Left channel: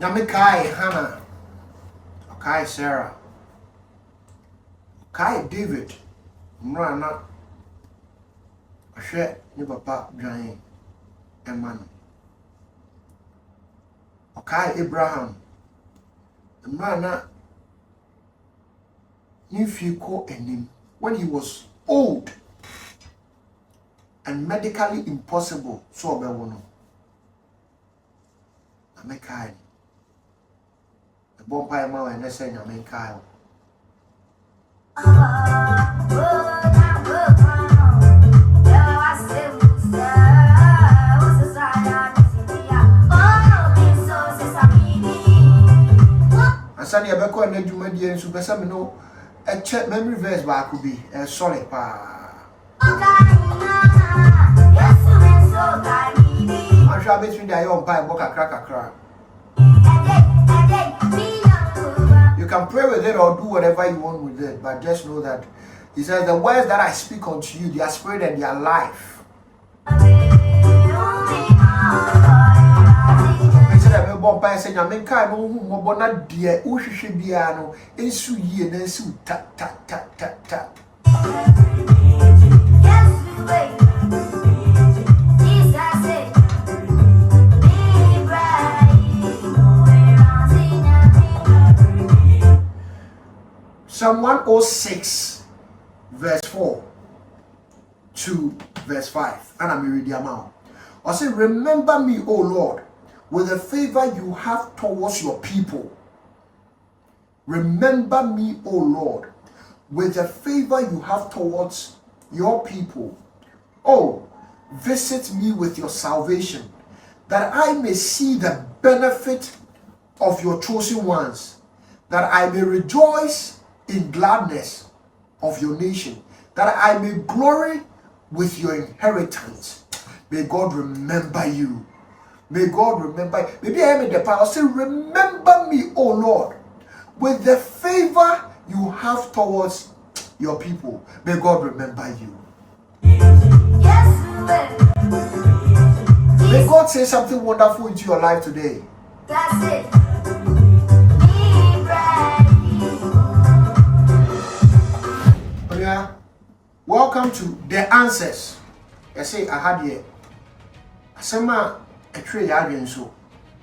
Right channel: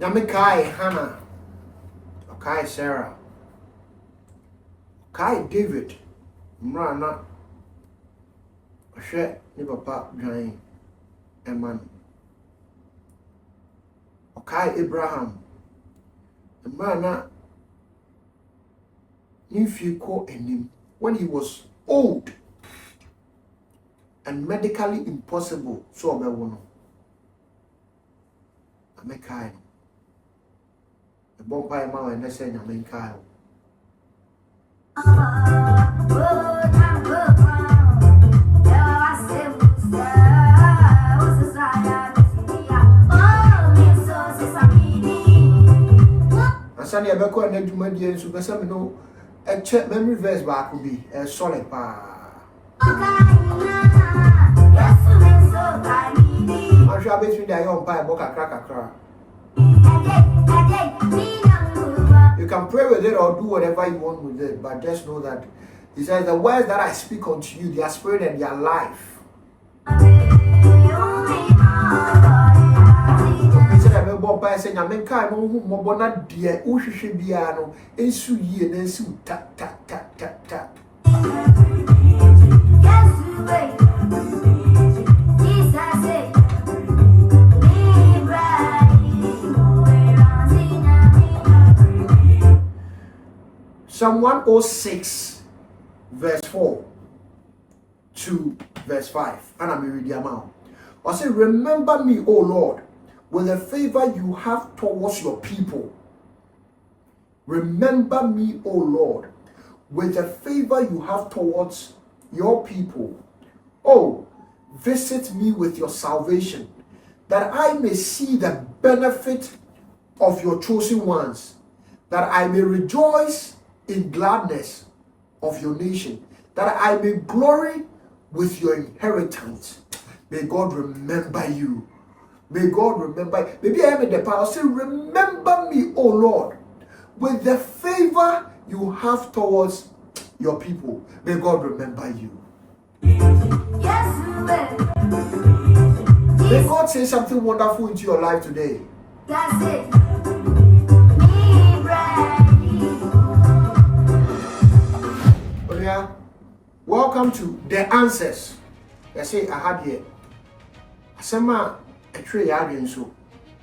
Nyame kai Hannah, kai Sarah, kai David, mrana, ahwe ni papa dwan eman. Kai Abraham, mrana if you call him when he was old and medically impossible, so be wono. Amekai. The bomb ma and say Amekai. Asani abeko na dwuma die nso pesa me no a check memory verse ba ko bi e solid pa. I'm sure between the young pie book kakra. You can pray with it or do whatever you want with it, but just know that he says the words that I speak unto you, they are spirit and they are life. I said I will buy saying I mean kind no mo na dear uhwehwe bia no ensu yie na ensu ta. Psalm 106 verse 4 to verse 5 and I'm reading amount. I say remember me, O Lord, with the favor you have towards your people. Remember me, O Lord, with the favor you have towards your people. Oh, visit me with your salvation, that I may see the benefit of your chosen ones, that I may rejoice in gladness of your nation, that I may glory with your inheritance. May God remember you. May God remember. Maybe I am in the power. Say, remember me, O Lord, with the favor you have towards your people. May God remember you. Yes, may God say something wonderful into your life today. That's it. Yeah. Welcome to the answers. I say I had here. Asema etwe ya adwen so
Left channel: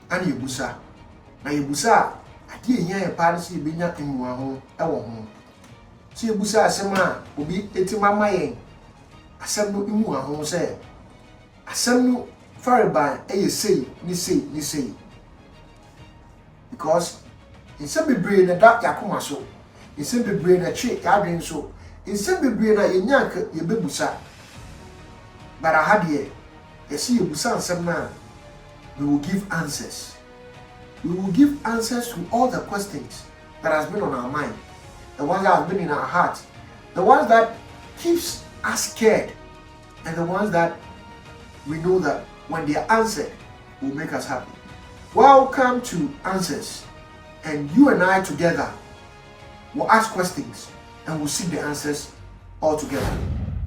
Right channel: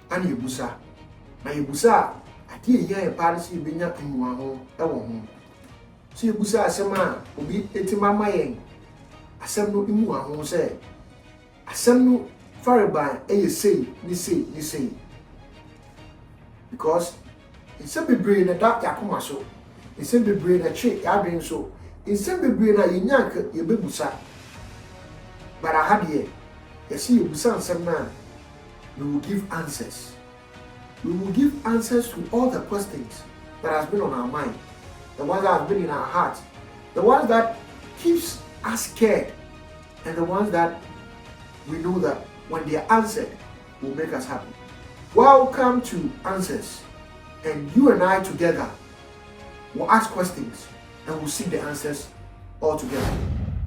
ana yebusa na yebusa ade ehia e pa se benya enua ho ewo ho so yebusa asema obi etimama yen asem no enua ho se asem no fariban eye sei ni sei because insem bebre na da yakoma so insem bebre na che adwen so insem bebre na yenya yebebusa bara hadie yes you busa asem na we will give answers. We will give answers to all the questions that has been on our mind, the ones that have been in our heart, the ones that keeps us scared, and the ones that we know that when they are answered will make us happy. Welcome to Answers, and you and I together will ask questions and we'll seek the answers all together.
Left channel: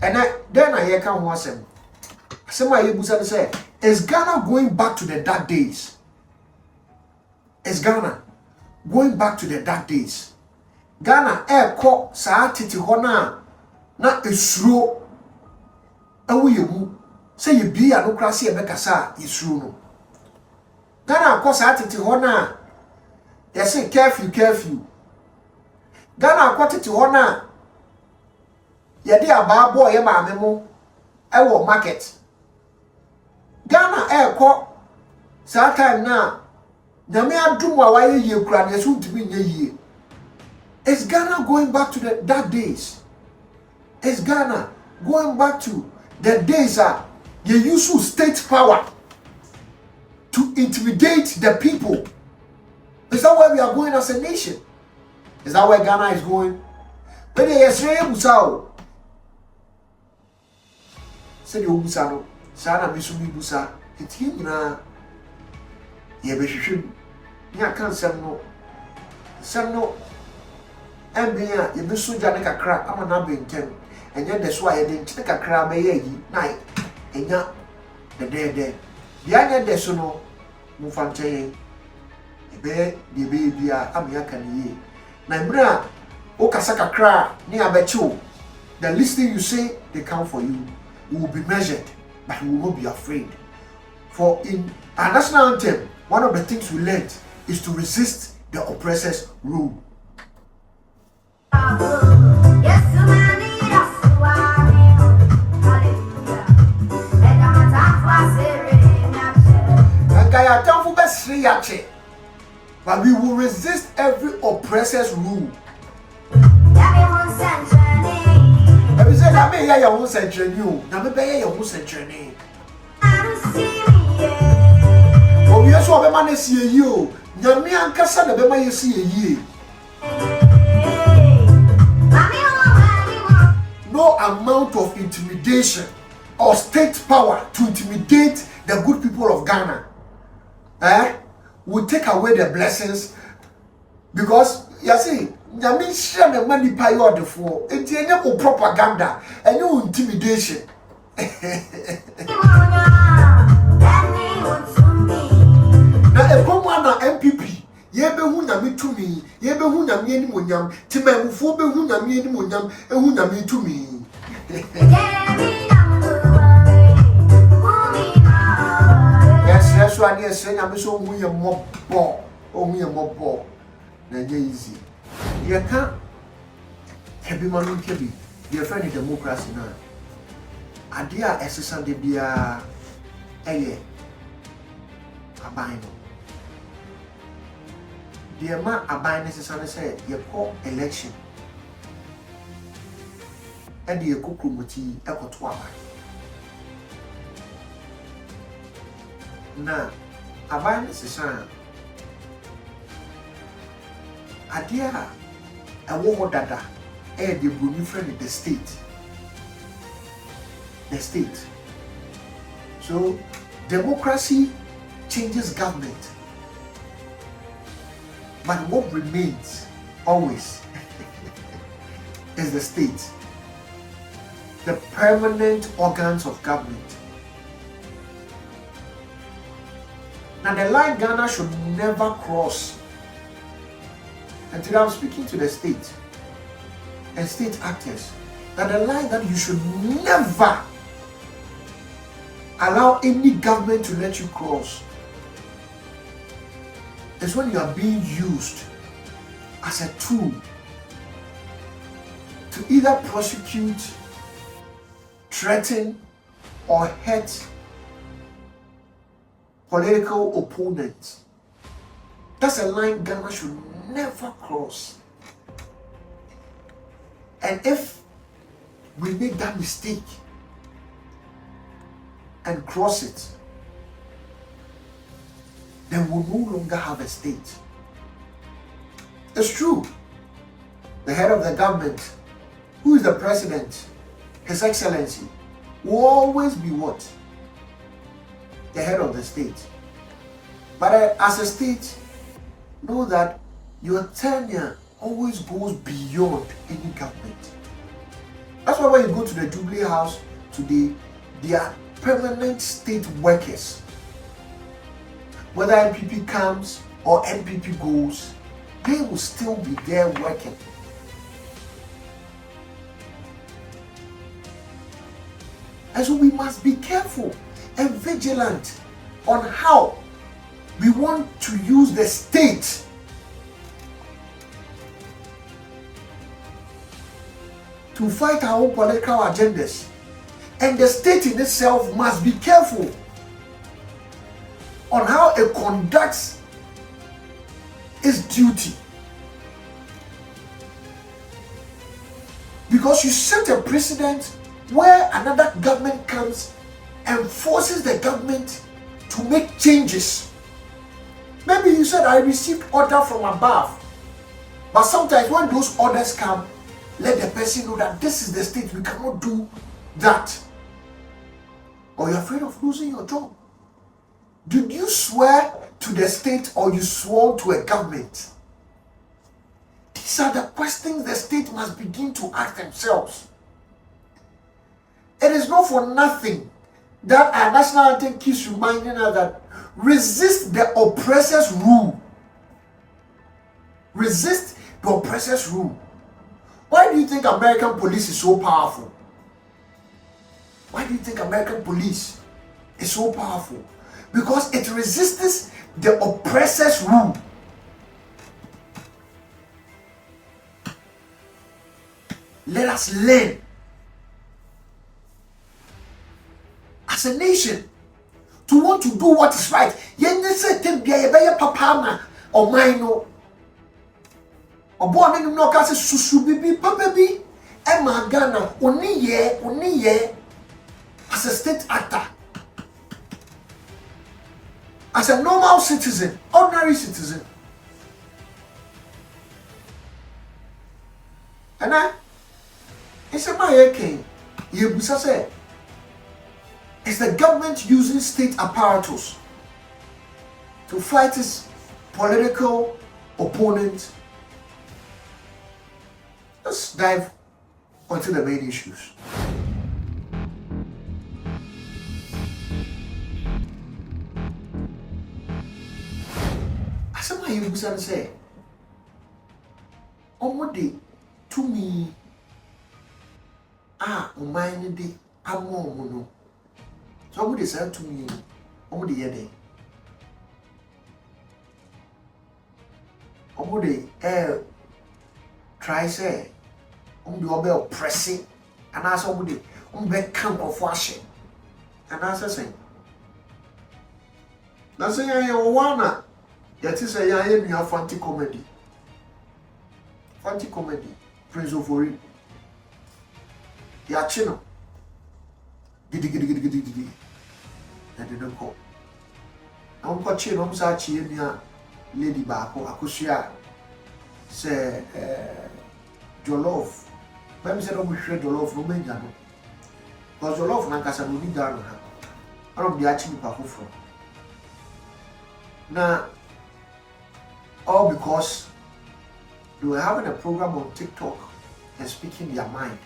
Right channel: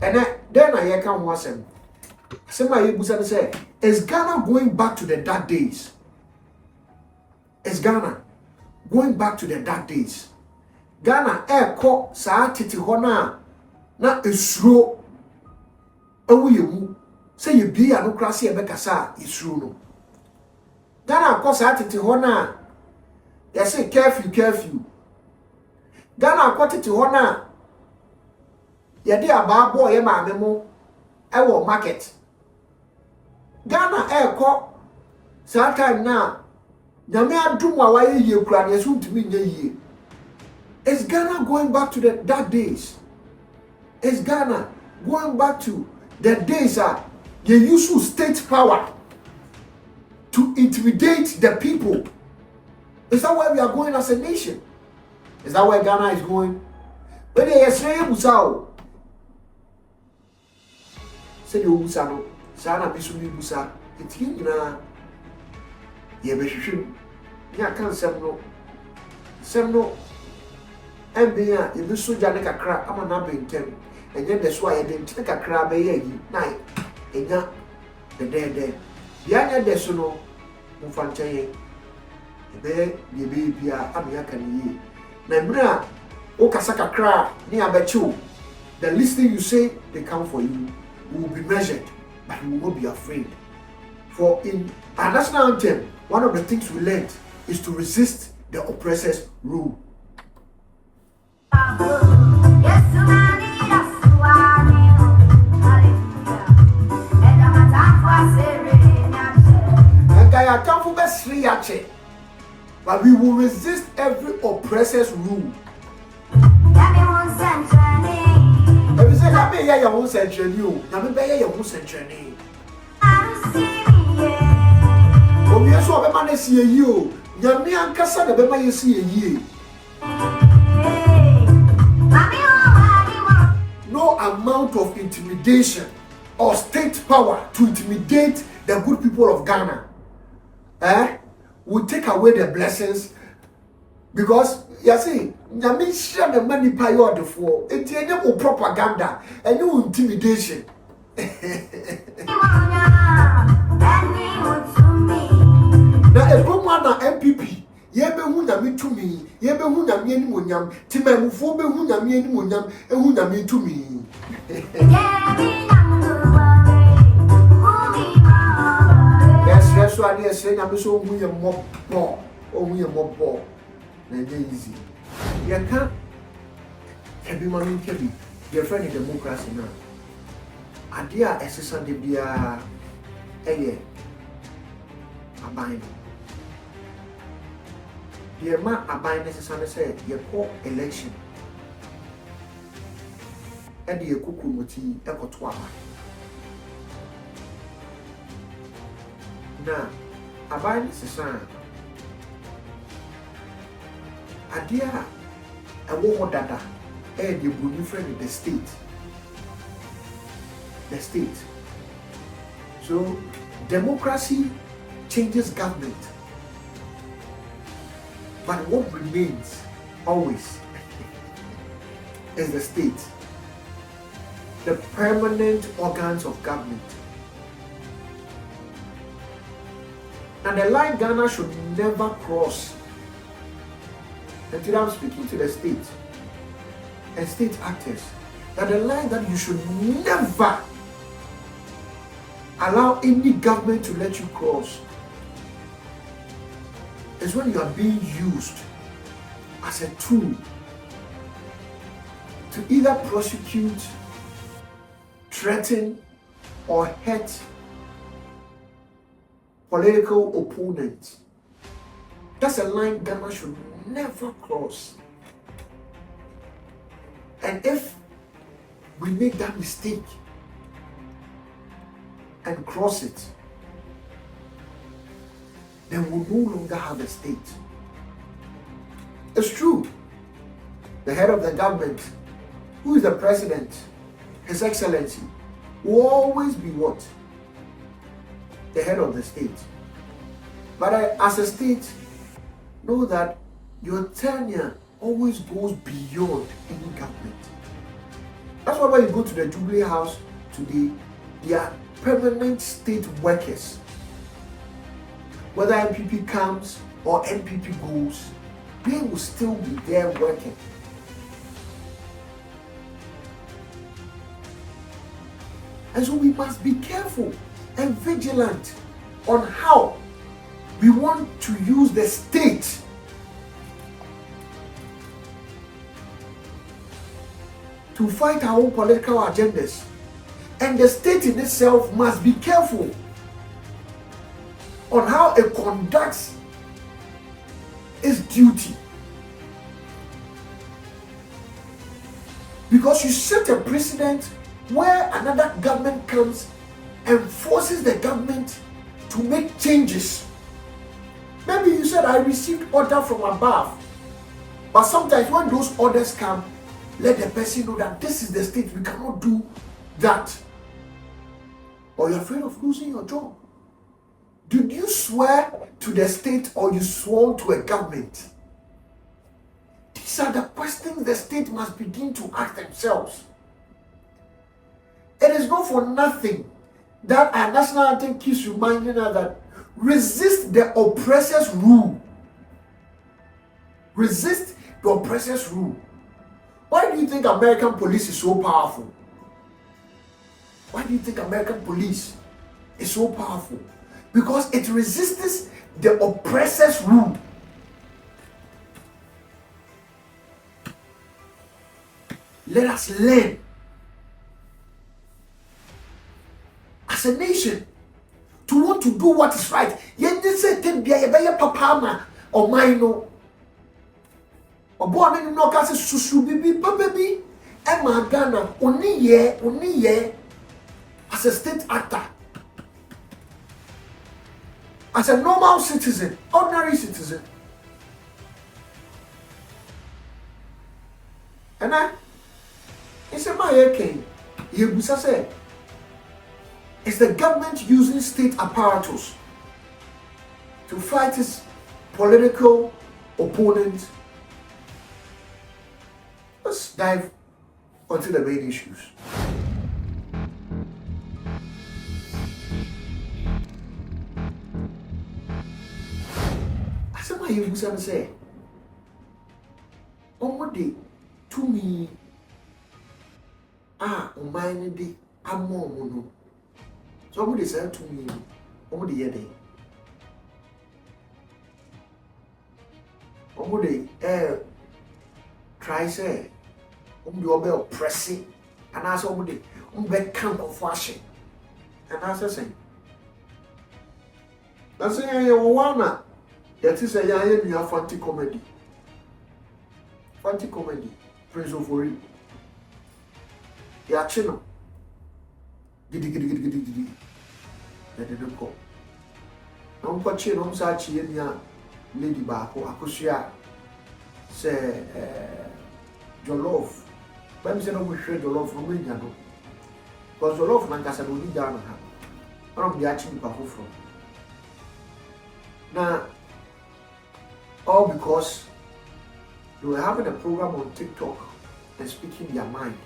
And then I hear come once and somebody Busa say, is Ghana going back to the dark days? Is Ghana going back to the dark days? Ghana ko saa tete ho na esuro ewu yemu say ye bia no kra se e bekasa esuro no. Ghana ko saa tete ho na ye say curfew. Ghana ko tete ho na ye de aba boy ye maame mo ewo market. Ghana ko saa time na nyame adum wa waye ye kura na yesu ntimi nya yie. Is Ghana going back to the dark days? Is Ghana going back to the days that they use state power to intimidate the people? Is that where we are going as a nation? Is that where Ghana is going? But yes, Busao said you Busano. Sana bisumi busa eti nyina ye behwehwem nya kan sem no embia ye bisu ja ne kakra ama na bentem enye de so aye de ntine kakra be ye yi na enya de dia nya de so no mu fante ye ebe de be bia amia kan ye na mra o kasa kakra ni abecho the listening you say they count for you. You will be measured, but you will not be afraid. For in our national anthem, one of the things we learned is to resist the oppressor's rule. But we will resist every oppressor's rule. Every say na me ya won century o, na me be ya won century. O wi so be ma na sie yi o, nyame ankasa na be ma ye sie yi. No amount of intimidation or state power to intimidate the good people of Ghana will take away the blessings, because you see, nyame share the money pay you the for. It's any propaganda and no intimidation. Na e promo na MPP ye be hu nyame tumi, ye be hu nyame ni monyam, timamufo be hu nyame ni monyam, e hu nyame tumi. Yes, so I say nyame so hu ye mobbo, o hu ye mobbo. Na easy. You can't be manu kebi. Your friend in democracy now. Adia exercise de bia eye abain. The man abain exercise say you call election. And the kukumoti ekoto abain. Na abain exercise adia a war dada the bruni friend in the state. The state. So democracy changes government. But what remains always is the state. The permanent organs of government. Now the line Ghana should never cross. And today I'm speaking to the state and state actors that the line that you should never allow any government to let you cross is when you are being used as a tool to either prosecute, threaten, or hurt political opponents. That's a line Ghana should never cross. And if we make that mistake and cross it, then we'll no longer have a state. It's true. The head of the government, who is the president, His Excellency, will always be what? The head of the state. But as a state, know that your tenure always goes beyond any government. That's why when you go to the Jubilee House today, they are permanent state workers. Whether MPP comes or MPP goes, they will still be there working. And so we must be careful and vigilant on how we want to use the state to fight our own political agendas. And the state in itself must be careful on how it conducts its duty. Because you set a precedent where another government comes and forces the government to make changes. Maybe you said, I received order from above. But sometimes when those orders come, let the person know that this is the state, we cannot do that. Or you're afraid of losing your job. Did you swear to the state or you swore to a government? These are the questions the state must begin to ask themselves. It is not for nothing that our national anthem keeps reminding us that resist the oppressor's rule. Resist the oppressor's rule. Why do you think American police is so powerful? Why do you think American police is so powerful? Because it resists the oppressor's rule. Let us learn as a nation to want to do what is right. Yen say tem bia ye be papa ma o man no. Obo ame no ka se susu bibi papa bi e ma Ghana oni ye as a state actor. As a normal citizen, ordinary citizen. And it's a my king. Yebusa say, is the government using state apparatus to fight its political opponents? Let's dive onto the main issues. You say, Omode to me, Omine de Amono. Somebody said to me, Omode Yede. Omode, try say, Obe oppressing, and as Omode, camp of washing, and as I say, that's a one. That is a young fante comedy. Fante comedy. Prince Ofori-Atta. Ya chino. Gidi. Ya didn't call. No one got chino, Sachi, and ya lady Bako, Akusia. Say, Jollof. But I'm saying, we shred Jollof, no main. Because Jollof, Nankasa, will be down. I don't be actually Bako from. Now, all because they were having a program on TikTok and speaking their mind.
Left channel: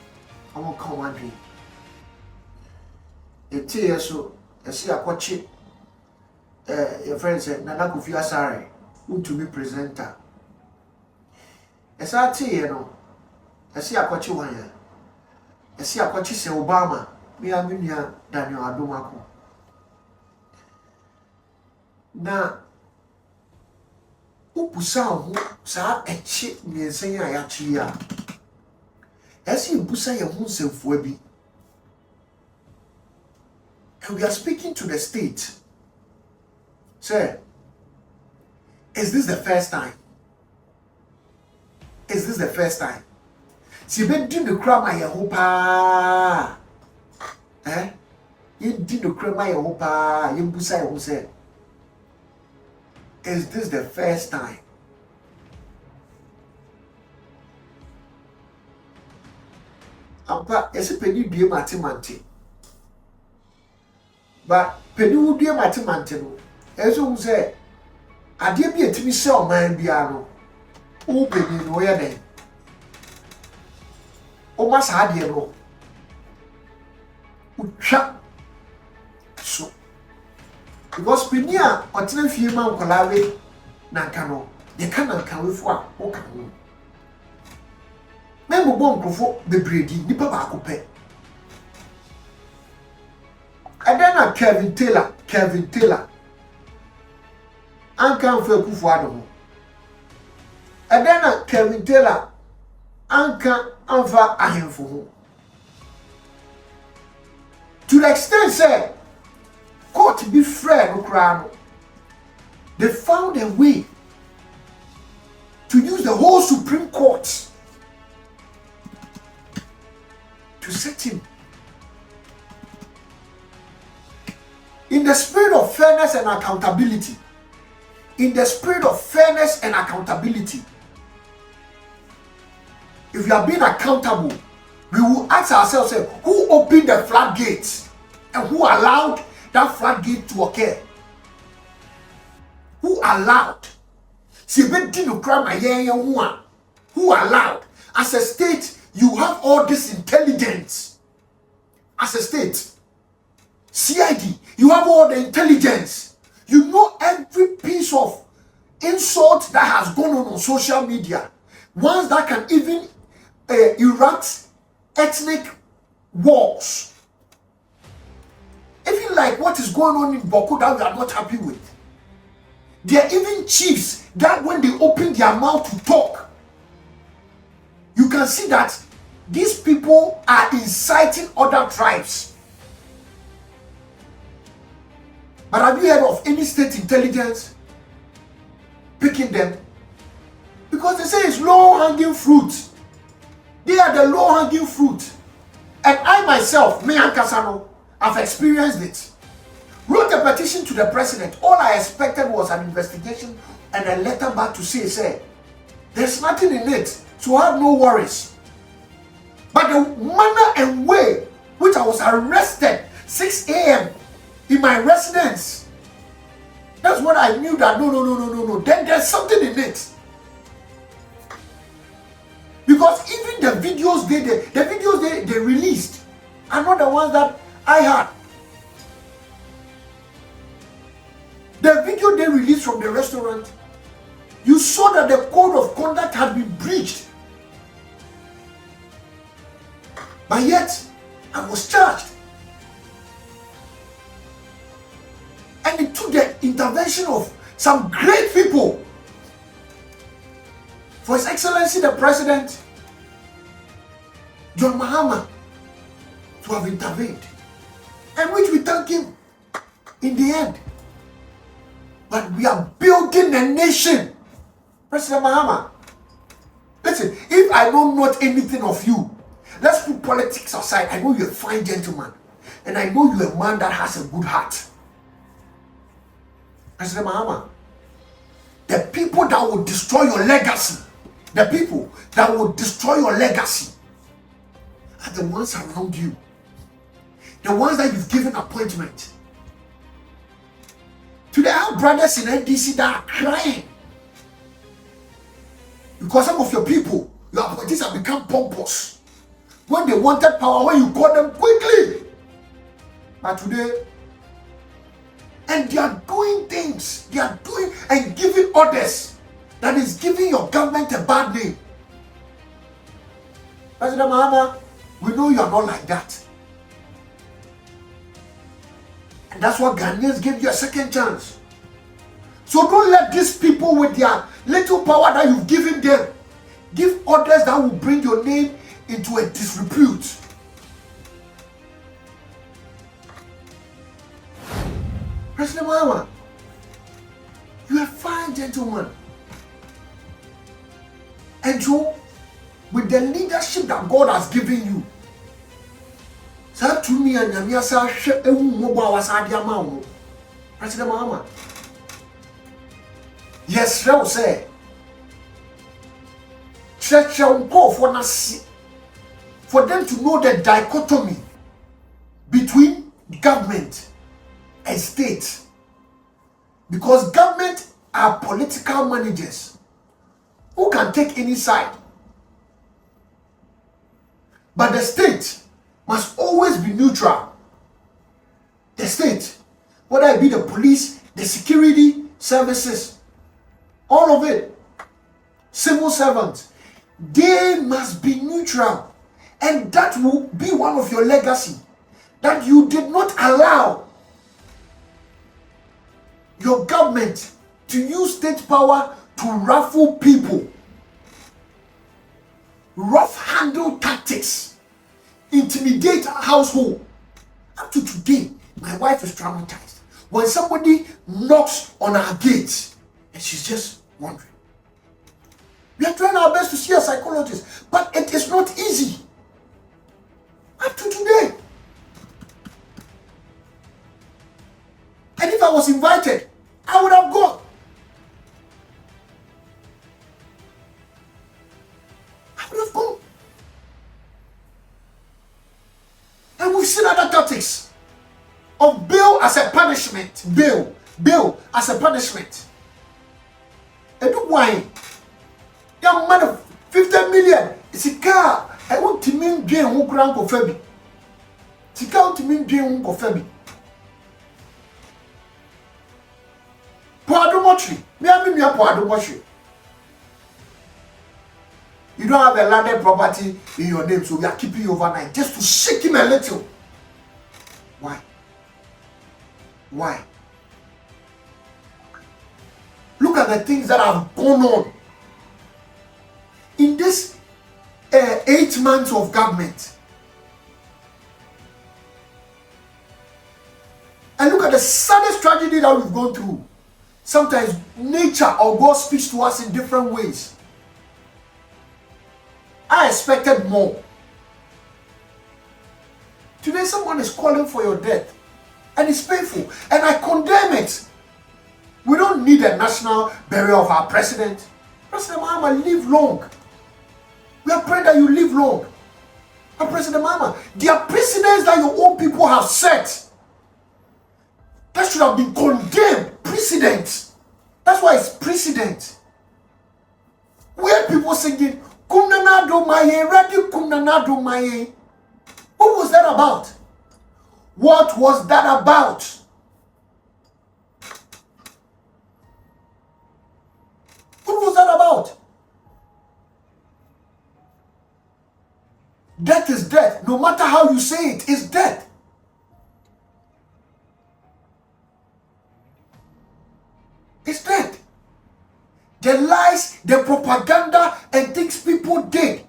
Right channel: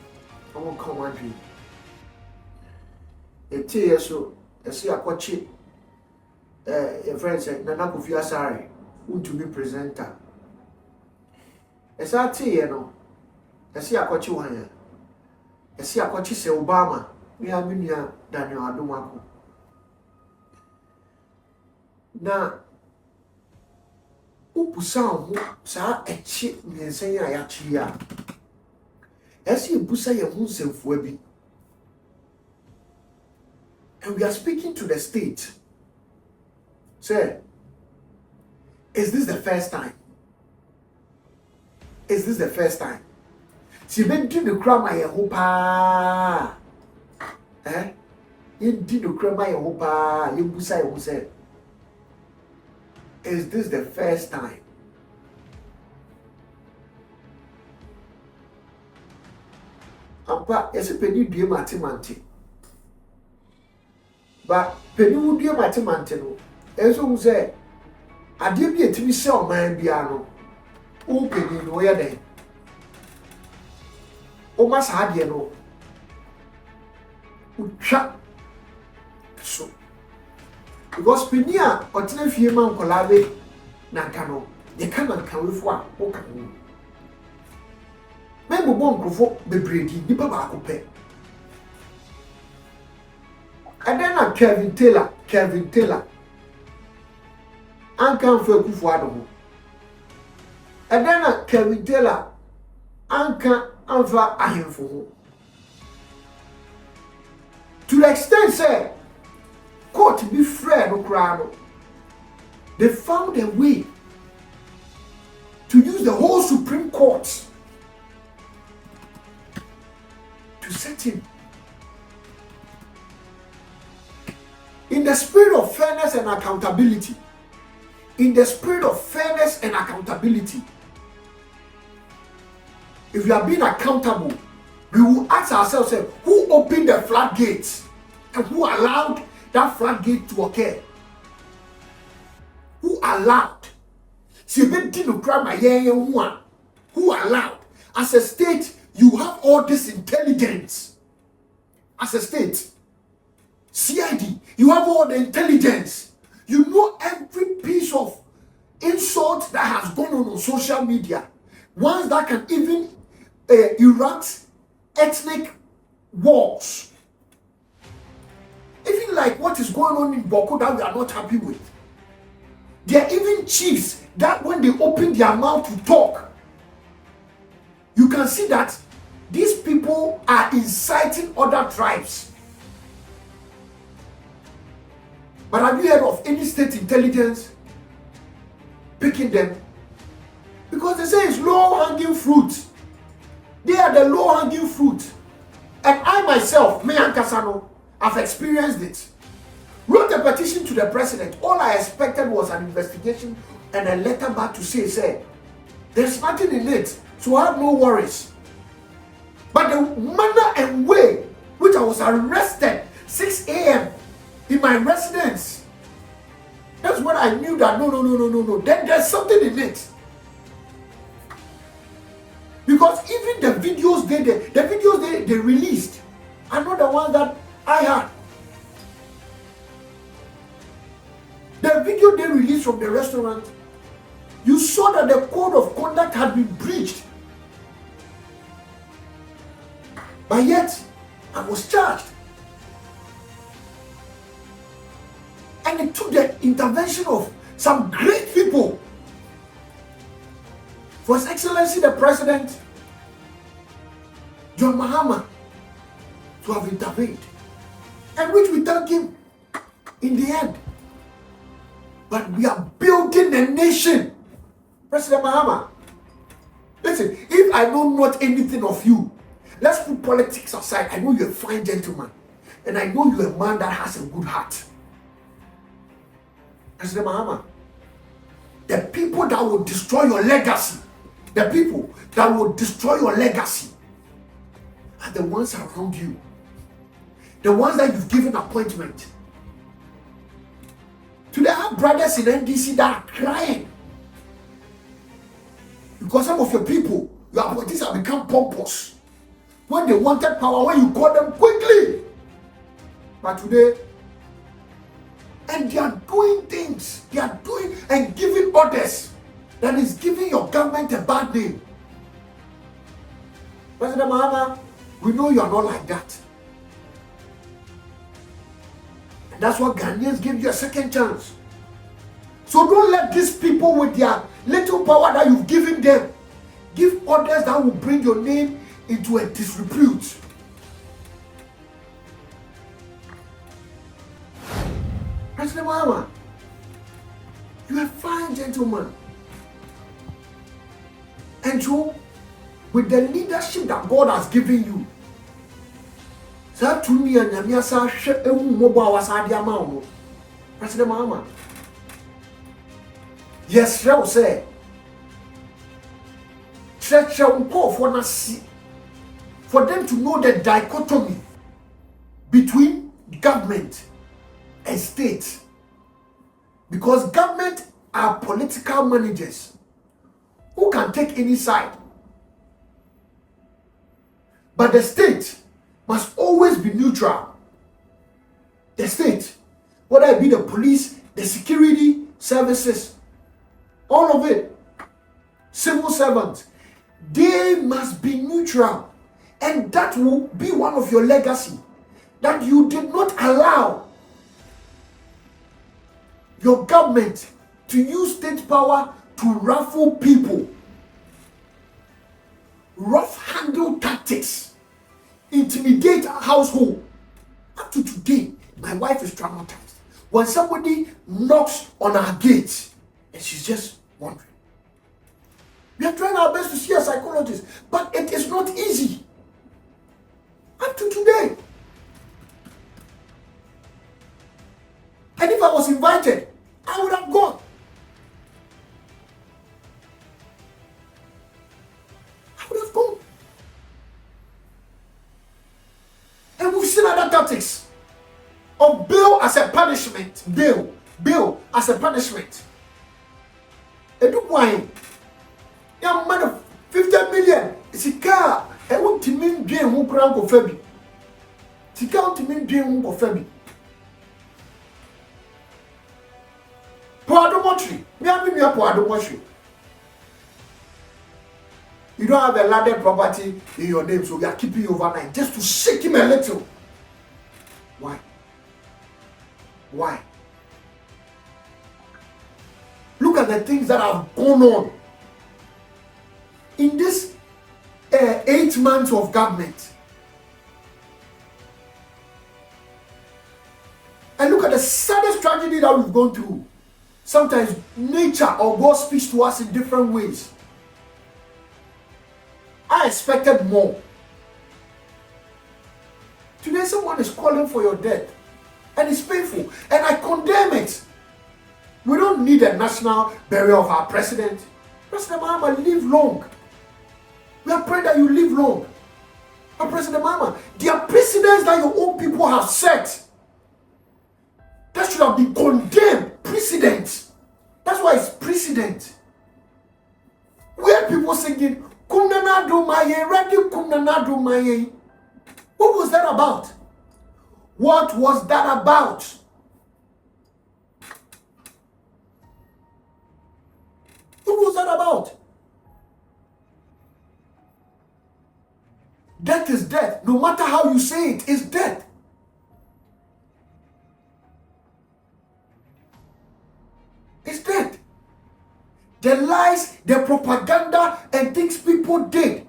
I won't come one dream. It is so, I see a watch it. A friend said, Nana Akufo-Addo, wontumi presenter. I say, I see a watch one. I see a watch say Obama, me and Minia Daniel Adomako. Now, upusa ho sa echi miensen ya yachi ya esi upusa ye hu nsefo bi, and we are speaking to the state. Say, is this the first time? Is this the first time? Si be di no kra ma ye ho pa ye di no kra ma ye ho pa ye busa ye ho say, is this the first time? Ampa, yes, penny due matimante. But penny would be a matimantino. As you say, I did be a Timmy Shell man piano. Oh, penny, no, ya day. Oh, must had you know. Shut so. Because Pinia or 10 few man collave Nankano, you cannot come with one. Okay. Member bomb before the breeding, the papa pay. And then Kevin Taylor, and come for Akufo-Addo. And then Kevin Taylor, and come for Ahemfo. To the extent, say, court be fair no crown. They found a way to use the whole Supreme Court to set him. In the spirit of fairness and accountability. In the spirit of fairness and accountability. If you are being accountable, we will ask ourselves, who opened the floodgates and who allowed that floodgate to occur? Who allowed? Who allowed? As a state, you have all this intelligence. As a state, CID, you have all the intelligence. You know every piece of insult that has has gone on social media, ones that can even erupt ethnic wars. Even like what is going on in Boko that we are not happy with. There are even chiefs that when they open their mouth to talk, you can see that these people are inciting other tribes. But have you heard of any state intelligence picking them? Because they say it's low-hanging fruit. They are the low-hanging fruit. And I myself, me and Kasano, I've experienced it. Wrote a petition to the president. All I expected was an investigation and a letter back to say, there's nothing in it, so I have no worries. But the manner and way which I was arrested 6 a.m. in my residence, that's when I knew that no. Then there's something in it. Because even the videos they released are not the ones that I had. The video they released from the restaurant, you saw that the code of conduct had been breached. But yet, I was charged. And it took the intervention of some great people. For His Excellency the President, John Mahama, to have intervened. And which we thank him in the end. But we are building a nation. President Mahama, listen, if I know not anything of you, let's put politics aside. I know you're a fine gentleman. And I know you're a man that has a good heart. President Mahama, the people that will destroy your legacy, the people that will destroy your legacy are the ones around you. The ones that you've given appointment. Today, I have brothers in NDC that are crying. Because some of your people, your appointees have become pompous. When they wanted power, when you call them quickly. But today, and they are doing things. They are doing and giving orders that is giving your government a bad name. President Mahama, we know you are not like that. And that's why Ghanaians give you a second chance. So don't let these people with their little power that you've given them give orders that will bring your name into a disrepute. President Mahama, you're a fine gentleman. And so, with the leadership that God has given you, President Mahama, yes, I will say, for them to know the dichotomy between government and state. Because government are political managers who can take any side. But the state must always be neutral. The state, whether it be the police, the security services, all of it, civil servants, they must be neutral. And that will be one of your legacy, that you did not allow your government to use state power to ruffle people. Rough handle tactics, intimidate a household. Up to today, my wife is traumatized. When somebody knocks on our gate and she's just wondering. We are trying our best to see a psychologist, but it is not easy. Up to today. And if I was invited, I would have gone. I would have gone. And we've seen other tactics of bail as a punishment. Bail as a punishment. And do why? Young man of 50 million. It's a car. I want to mean drain who crown for Fabi. It's a car to mean drain who for Fabi. Poadomotry. Me a poadomotry. don't have a landed property in your name, so we are keeping you overnight just to shake him a little. Why? Why? Look at the things that have gone on in this 8 months of government. And look at the saddest tragedy that we've gone through. Sometimes nature or God speaks to us in different ways. I expected more. Today someone is calling for your death. And it's painful. And I condemn it. We don't need a national burial of our president. President Mahama, live long. We are praying that you live long. And President Mahama, there are precedents that your own people have set that should have been condemned. Precedent. That's why it's precedent. Where people singing, Kumnanado Maye, Radi Kumnanado Maye. What was that about? What was that about? What was that about? Death is death. No matter how you say it, it's death. It's death. The lies, the propaganda, and things people did.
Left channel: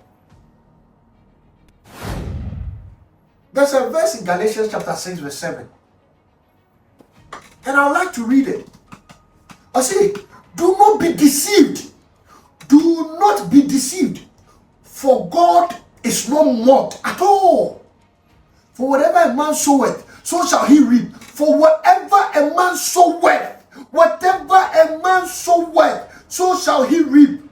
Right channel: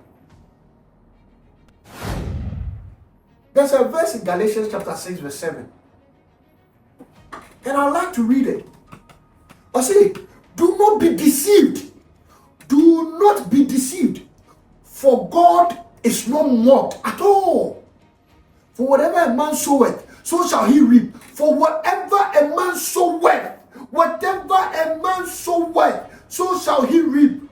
There's a verse in Galatians chapter 6 verse 7. And I would like to read it. I say, do not be deceived. Do not be deceived. For God is not mocked at all. For whatever a man soweth, so shall he reap. For whatever a man soweth, whatever a man soweth, so shall he reap.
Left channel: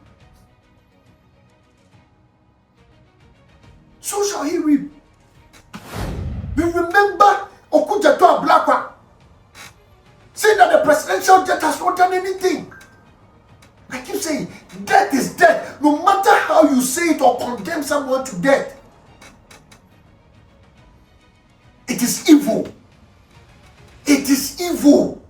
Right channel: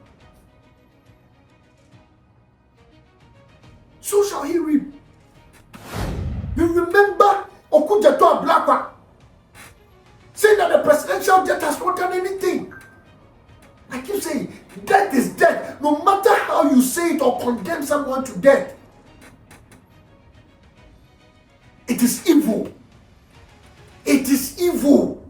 So shall he reap. We remember Okujato Ablakwa saying that the presidential jet has not done anything. I keep saying, death is death. No matter how you say it or condemn someone to death, it is evil. It is evil.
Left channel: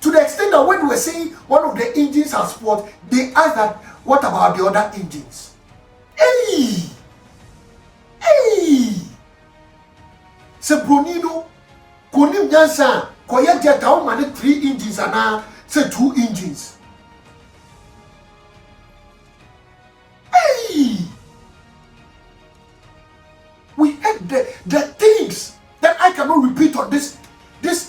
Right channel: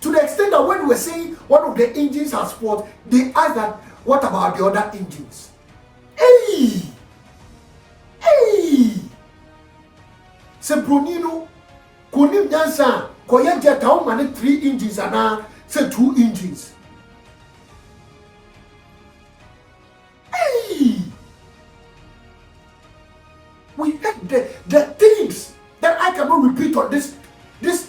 To the extent that when we were saying one of the engines has spoiled, they asked that, what about the other engines? Hey! Hey! Sebronino, Konim Jansa, Koyeta, how many 3 engines are now? Say 2 engines. Hey! We had the things that I cannot repeat on this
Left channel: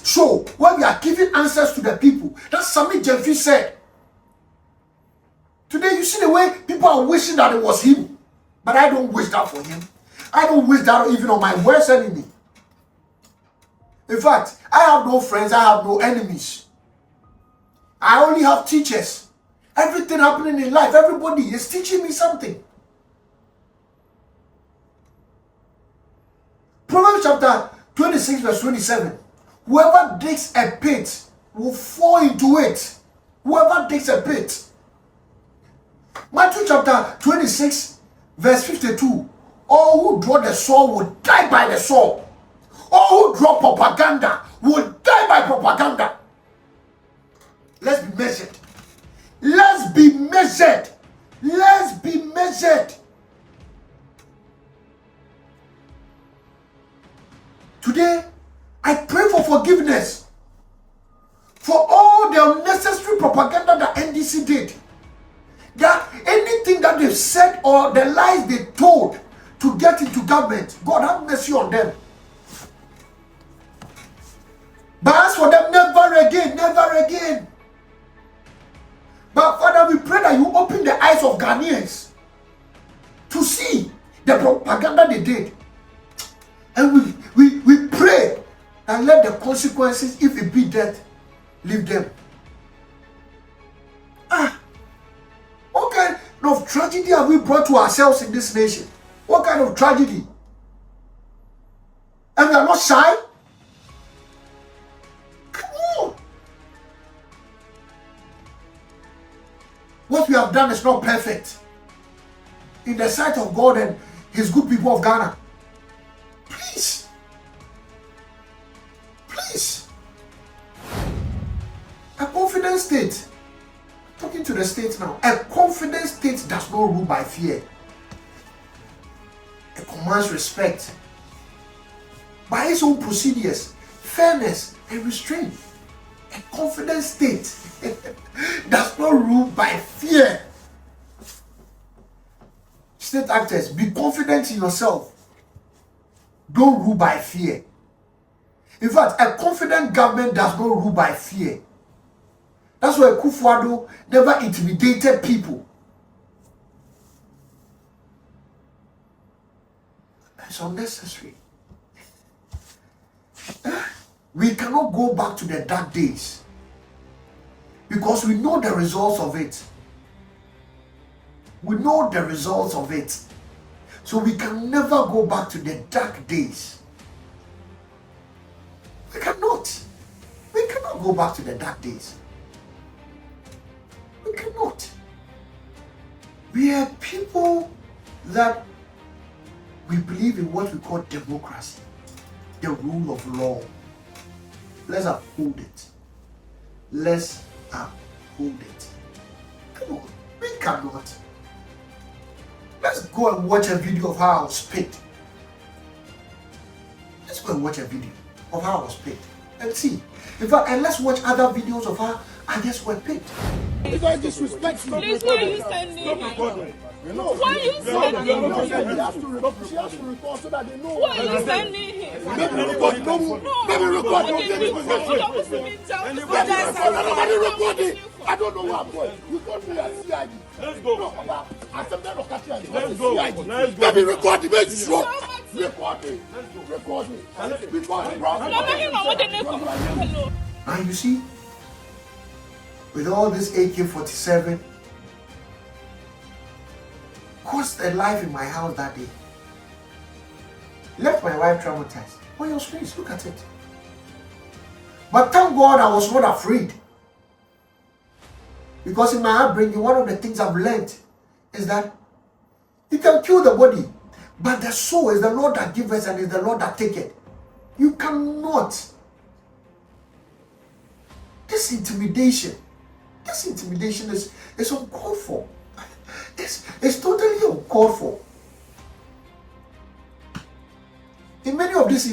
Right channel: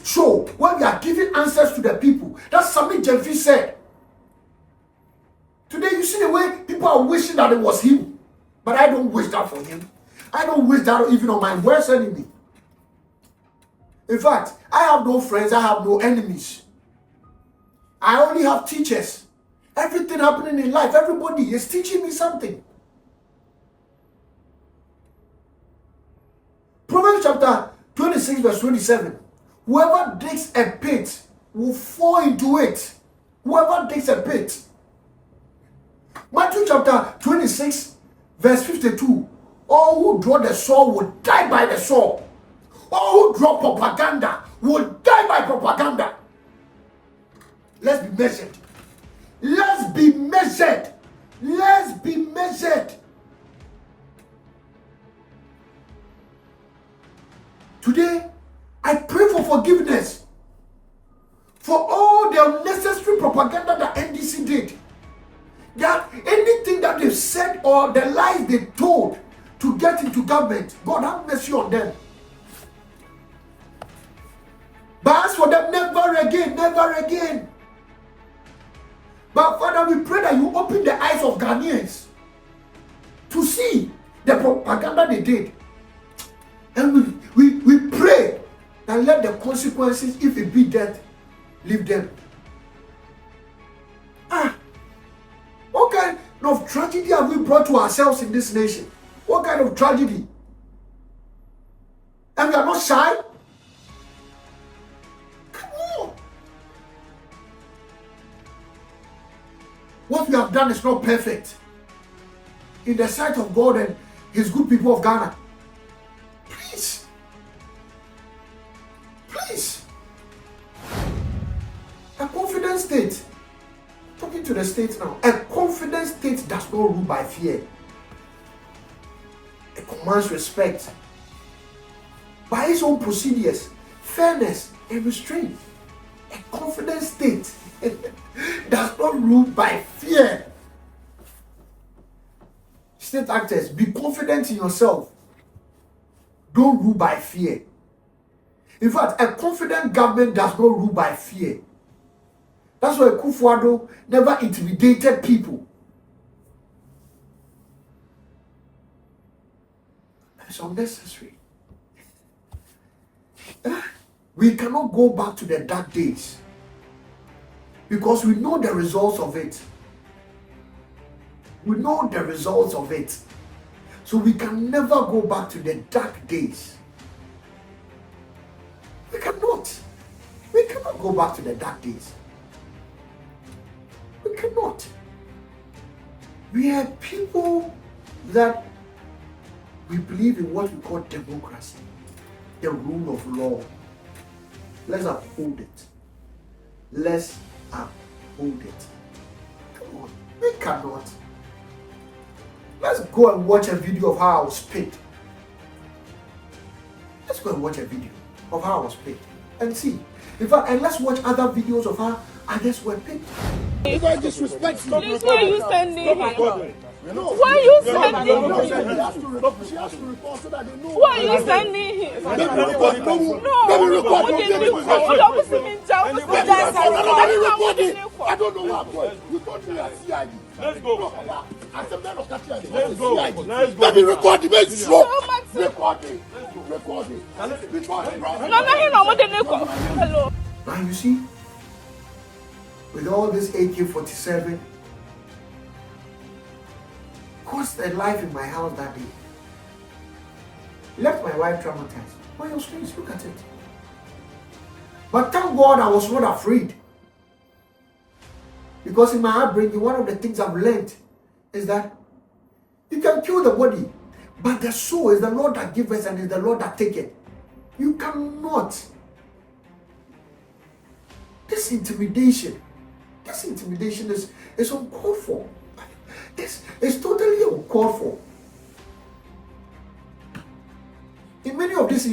show where we are giving answers to the people. That's something Jeffrey said. Today you see the way people are wishing that it was him. But I don't wish that for him. I don't wish that even on my worst enemy. In fact, I have no friends, I have no enemies. I only have teachers. Everything happening in life, everybody is teaching me something. Proverbs chapter 26 verse 27. Whoever digs a pit will fall into it. Whoever digs a pit. Matthew chapter 26 verse 52. All who draw the sword will die by the sword. All who draw propaganda will die by propaganda. Let's be measured. Let's be measured. Let's be measured. Today, I pray for forgiveness for all the unnecessary propaganda that NDC did. That anything that they've said or the lies they told to get into government, God have mercy on them. But as for them, never again, never again. But Father, we pray that you open the eyes of Ghanaians to see the propaganda they did. And we pray and let the consequences, if it be death, leave them. What kind of tragedy have we brought to ourselves in this nation? What kind of tragedy? And we are not shy? Come on. What we have done is not perfect in the sight of God and his good people of Ghana. Please. Please. A confident state. Talking to the state now. A confident state does not rule by fear. It commands respect by its own procedures, fairness, and restraint. A confident state does not rule by fear. State actors, be confident in yourself. Don't rule by fear. In fact, a confident government does not rule by fear. That's why Akufo-Addo never intimidated people. It's unnecessary. We cannot go back to the dark days because we know the results of it. We know the results of it. So we can never go back to the dark days. We cannot. We cannot go back to the dark days. We cannot. We are people that we believe in what we call democracy, the rule of law. Let's uphold it. Let's uphold it. Come on, we cannot. Let's go and watch a video of how I was picked. Let's go and watch a video of how I was picked and see. In fact, and let's watch other videos of how others were picked. If I disrespect you, please, why are you standing here? No, why are you standing here? She has to report so that they know. Why are you standing here? Let me record. Let me record. Nobody record it. I don't know what boy. You told me as CID. Let's go. I said, let's go. Let me record it. Make sure. Record it. Record it. Now you see, with all this AK-47, cost a life in my house that day. Left my wife traumatized. On your screens, look at it. But thank God I was not afraid. Because in my upbringing, one of the things I've learned is that you can kill the body, but the soul is the Lord that gives and is the Lord that taketh. You cannot. This intimidation is uncalled for. It's totally uncalled for. In many of these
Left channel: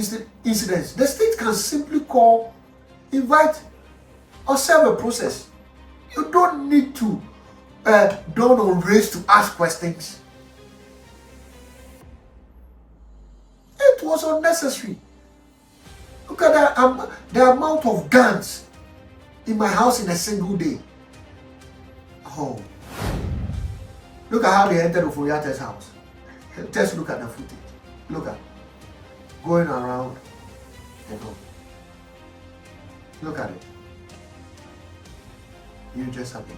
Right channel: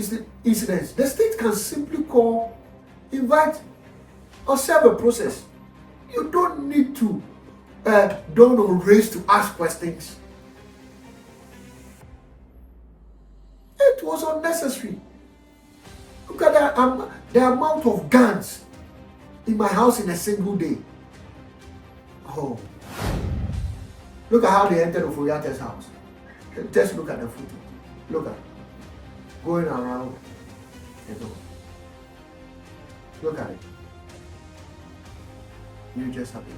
incidents, the state can simply call, invite, or serve a process. You don't need to dawn on race to ask questions. It was unnecessary. Look at the amount of guns in my house in a single day. Oh. Look at how they entered Ofori-Atta's house. Just look at the footage. Look at going around the door. Look at it. You just have it.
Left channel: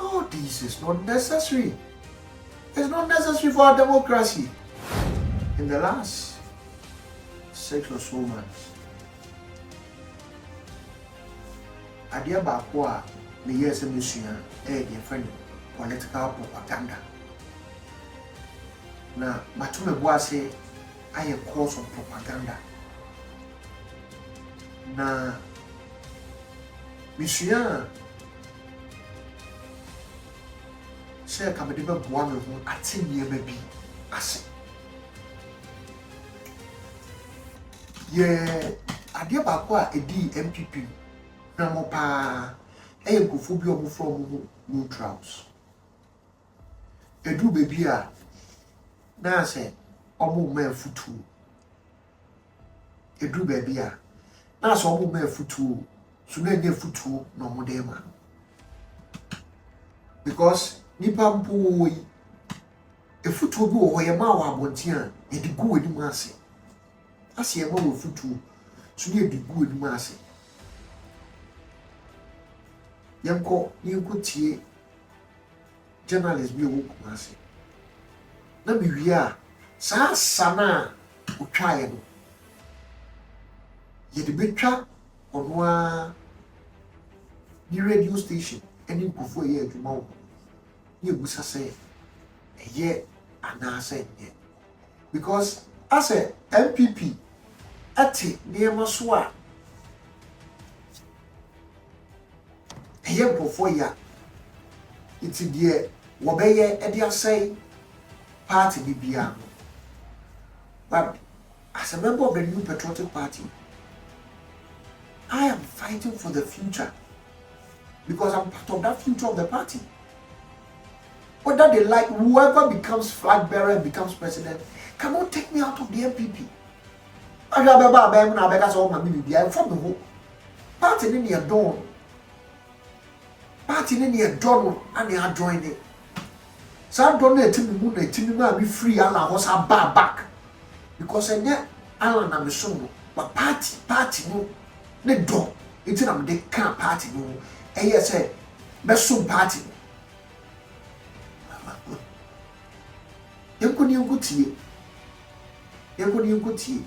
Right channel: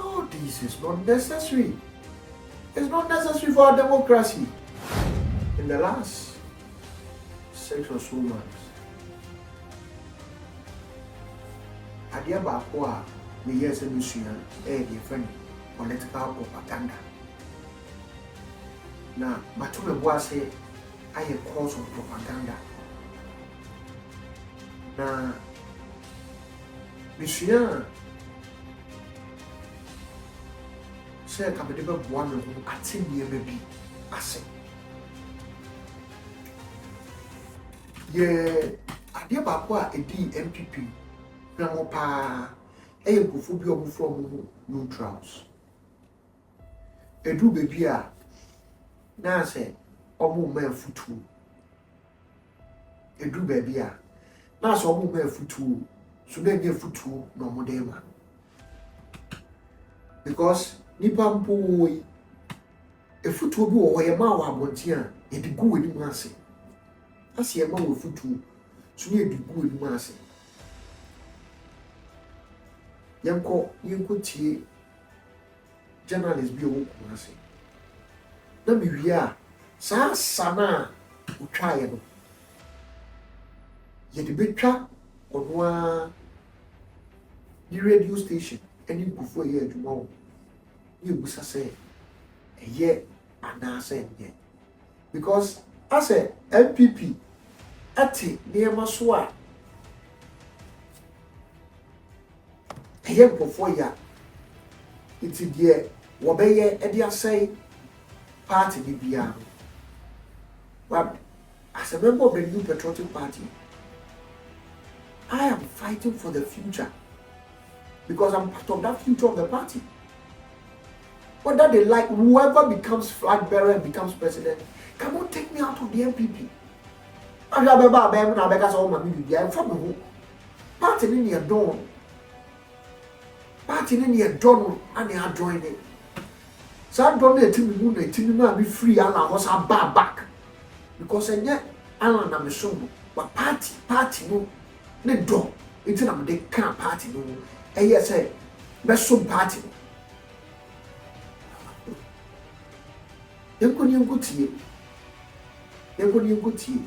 Oh, this is not necessary. It's not necessary for our democracy. In the last 6 or so months, adia baako a me yes me sua e dey friend political propaganda. Na matume boase aye course of propaganda. Na me sua say ka me dey be boa me ho atenie ma bi ase. Ye adia baako a edi MPP na mo pa eye nkofo bi omo from neutrals edu baby a na say omo ma futu edu baby a na say omo ma futu so na nye futu no mo dey ma because nipa mpo yi e futu bi wo ye ma wa abonti a e di gu ani mu ase ase e ma wo futu so na e di gu ani mu ase. Yanko tie journalist bi o kumase na me wi a sa sana utwa ye no ye de betwa ono a di radio station eni nkofo ye adwuma wo ye busa say eye anase ye because as a MPP ate de maso a ɛyɛ mpɔfoɔ ya iti deɛ wɔbɛyɛ ɛde asɛe party bibia. But as a member of the New Patriotic Party, I am fighting for the future because I'm part of that future of the party. Whether they like, whoever becomes flag bearer and becomes president, cannot take me out of the MPP. I'm from the home. Party in your dawn. Party in your dawn, and they are joining. So I don't know to be free and I was a bar back. Because I yet Alan am so but party no ne do. It's in the can't party no. And yes, best some party. You couldn't go to you. You couldn't go to you.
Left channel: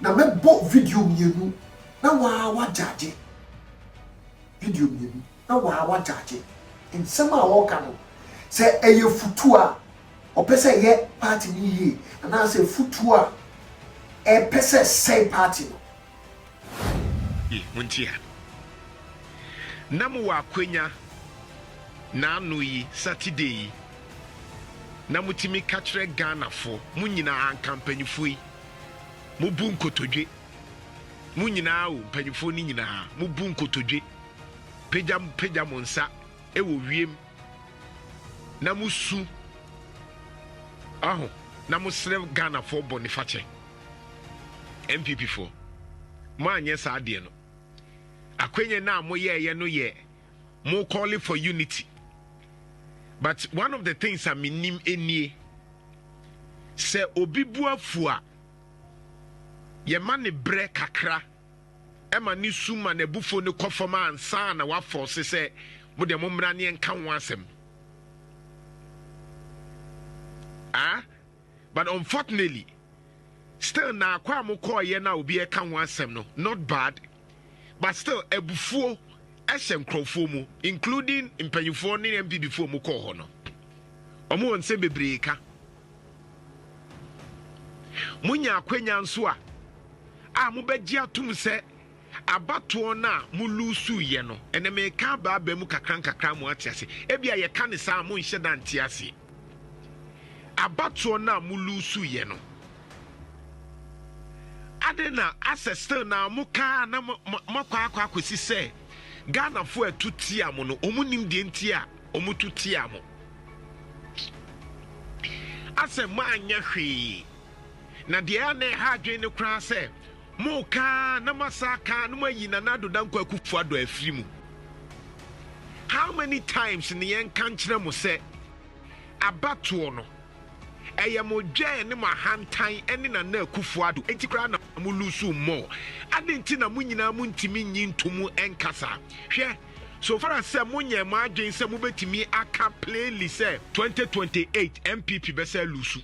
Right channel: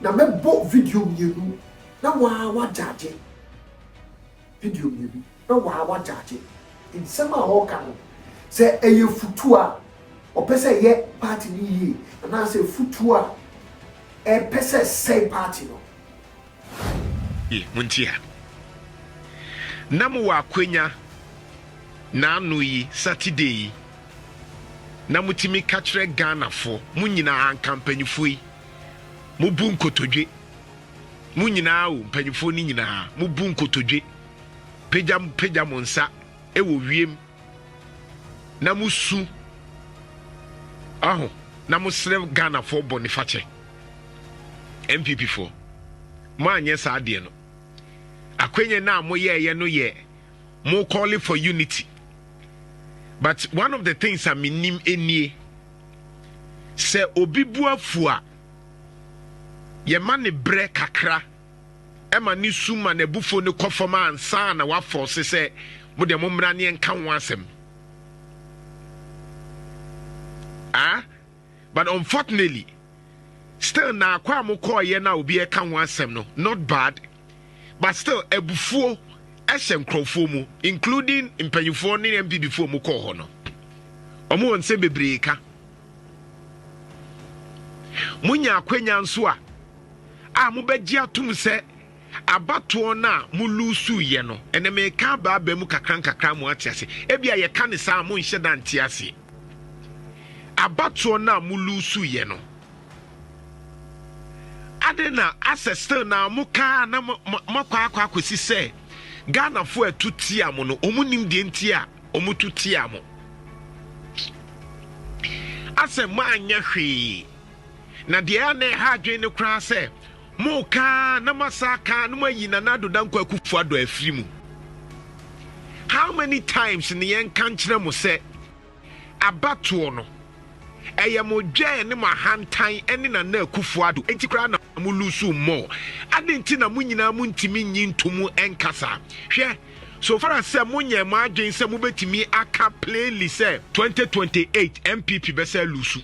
Now, me bought video you. Now, why judge video you. Now, why judge it? In some of our say a year futua or pesa yet party ye, and I say futua a pesa say party. Muntia Namu wa kwenya na nui Saturday. Na mutimi katre Ghana fo munyina ankampanyifo yi mubu nkotodwe munyina o mpanyifo ni nyina mubu nkotodwe pejam monsa ewo wiem na musu aho na musre Ghana fo bonifache MPP fo mo anye sa ade no akwenye na moye no ye mo calling for unity. But one of the things I mean enie se obibua fua ye mane bre kakra ema ni suma na bufo ne kofoma ansa na wa force se mo de momra ne enka ho asem. But unfortunately still na akwa mo call ye na obi e ka ho asem no not bad, but still ebufuo Eshem Crowfomu, including Impanyufo ni MP before Muko Hono. Omo on se bebreka. Munya kwenya nso a mubegye atum se abato na mulusu ye no. Ene me ka ba mu kakran mu atiase. Ebia ye ka ne sa mo nhye da ntiase. Abato na mulusu ye no. Adena asestel na muka na makwa akwasi se Ghana fo etutia mo no omunim de ntia omututia mo ase manya hwe na de ane ha adwen ne kra se mo ka na masaka no mayina na doda nkwa Akufo-Addo afiri mu. How many times ne yen kan kire mo se abato no eye mo dwe ne mahantan ene na Akufo-Addo enti kra na mo lusu mo adenti na mo nyina mo ntimi nyintomu enkasa hwe so far as say mo nye ma adwen say mo betimi aka playlist say 2028 MPP be say lusu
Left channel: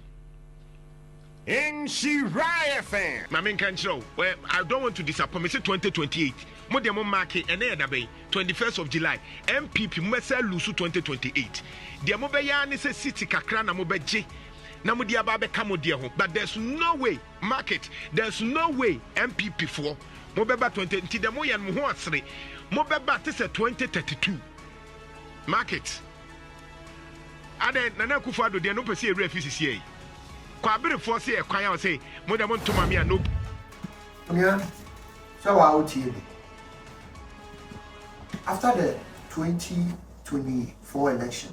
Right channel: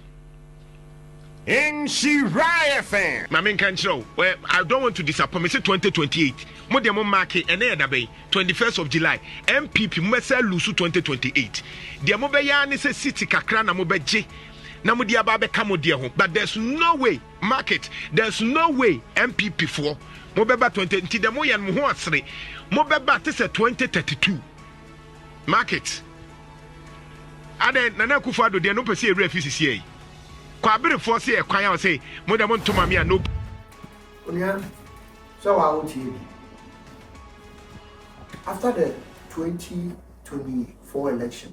in Shiraya fan my main control well I don't want to disappoint me say 2028 mo dem mark ene yeda be 21st of July MPP mo say lusu 2028 dem mo be ya ne say city kakra na mo be je na mo dia ba be kamo dia ho, but there's no way market, there's no way MPP for mo beba 20 nti de mo yan mo ho asere mo beba te se 2032 market aden na Akufo-Addo de no pese e refisi yi kwa abere for se e kwan ya say mo de mo ntoma me no onia so wa o tie after the 2024 election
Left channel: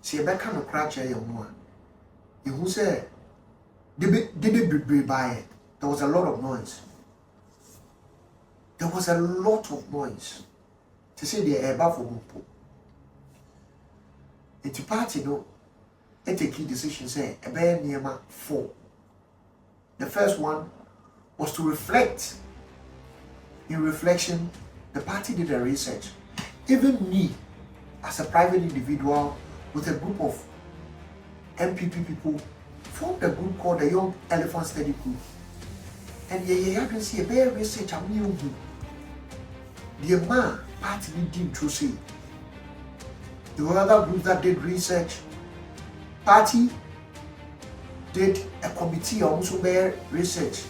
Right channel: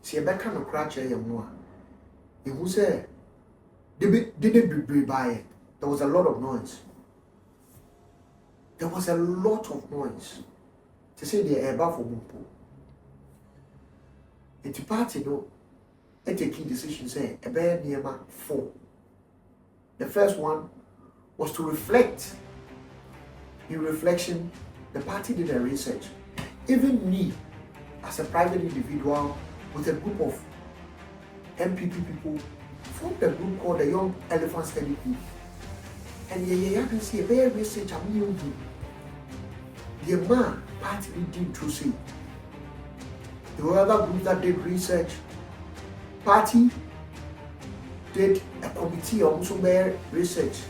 si ebeka no crash ye mo a who said did be by there was a lot of noise. There was a lot of noise. To say the air for Mumpo. It's party no a key decision say a bear near 4. The first one was to reflect. In reflection, the party did a research. Even me, as a private individual with a group of MPP people, formed a group called the Young Elephant Study Group. And you can see a very research of new. The man party did to see. There were other groups that did research. Party did a committee of Muslim research.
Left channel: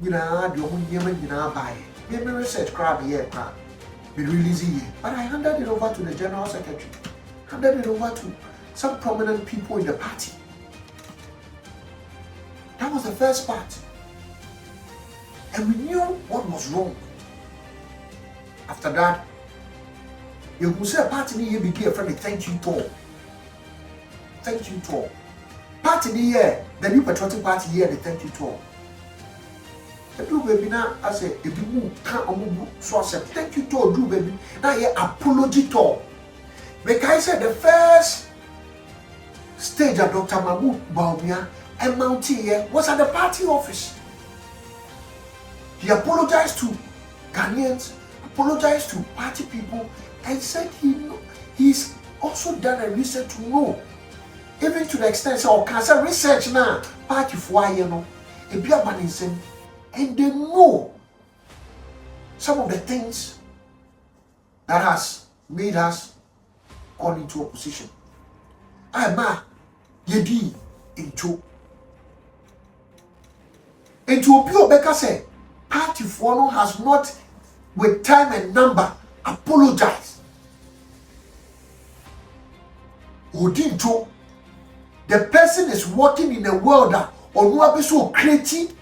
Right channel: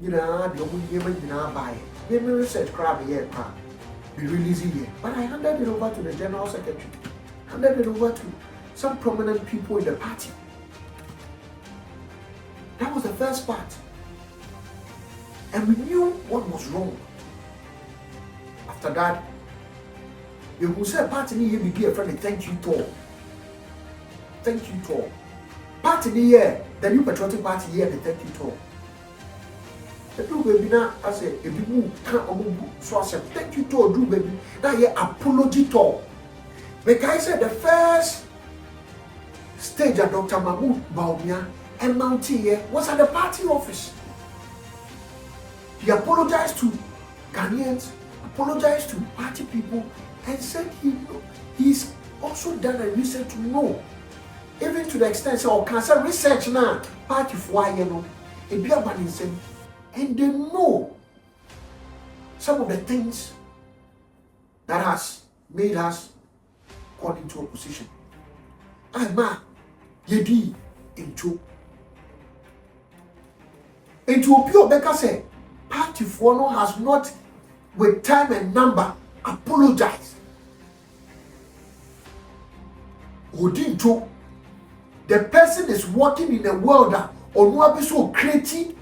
You know, the only women you know buy. Give me research crowd here, be releasing here. But I handed it over to the general secretary, handed it over to some prominent people in the party. That was the first part. And we knew what was wrong. After that, you will say a party here be a friend, thank you tour. Thank you tour. Party here, the new patriotic party here, the thank you tour. The Drew baby now, I say, if you can't so I said, thank you tour, Drew baby. Now here apology tour. Because I said the first stage at Dr. Mahmoud Baumia and Mountie here was at the party office. He apologized to Ghanaians, apologized to party people, and said he's also done a research to know, even to the extent of cancer research now, party for you know, a beer banning, and they know some of the things that has made us go into opposition. Ma, yedi into pure Becca say, party for has not, with time and number, apologized. Odinto, the person is working in a world that or so creating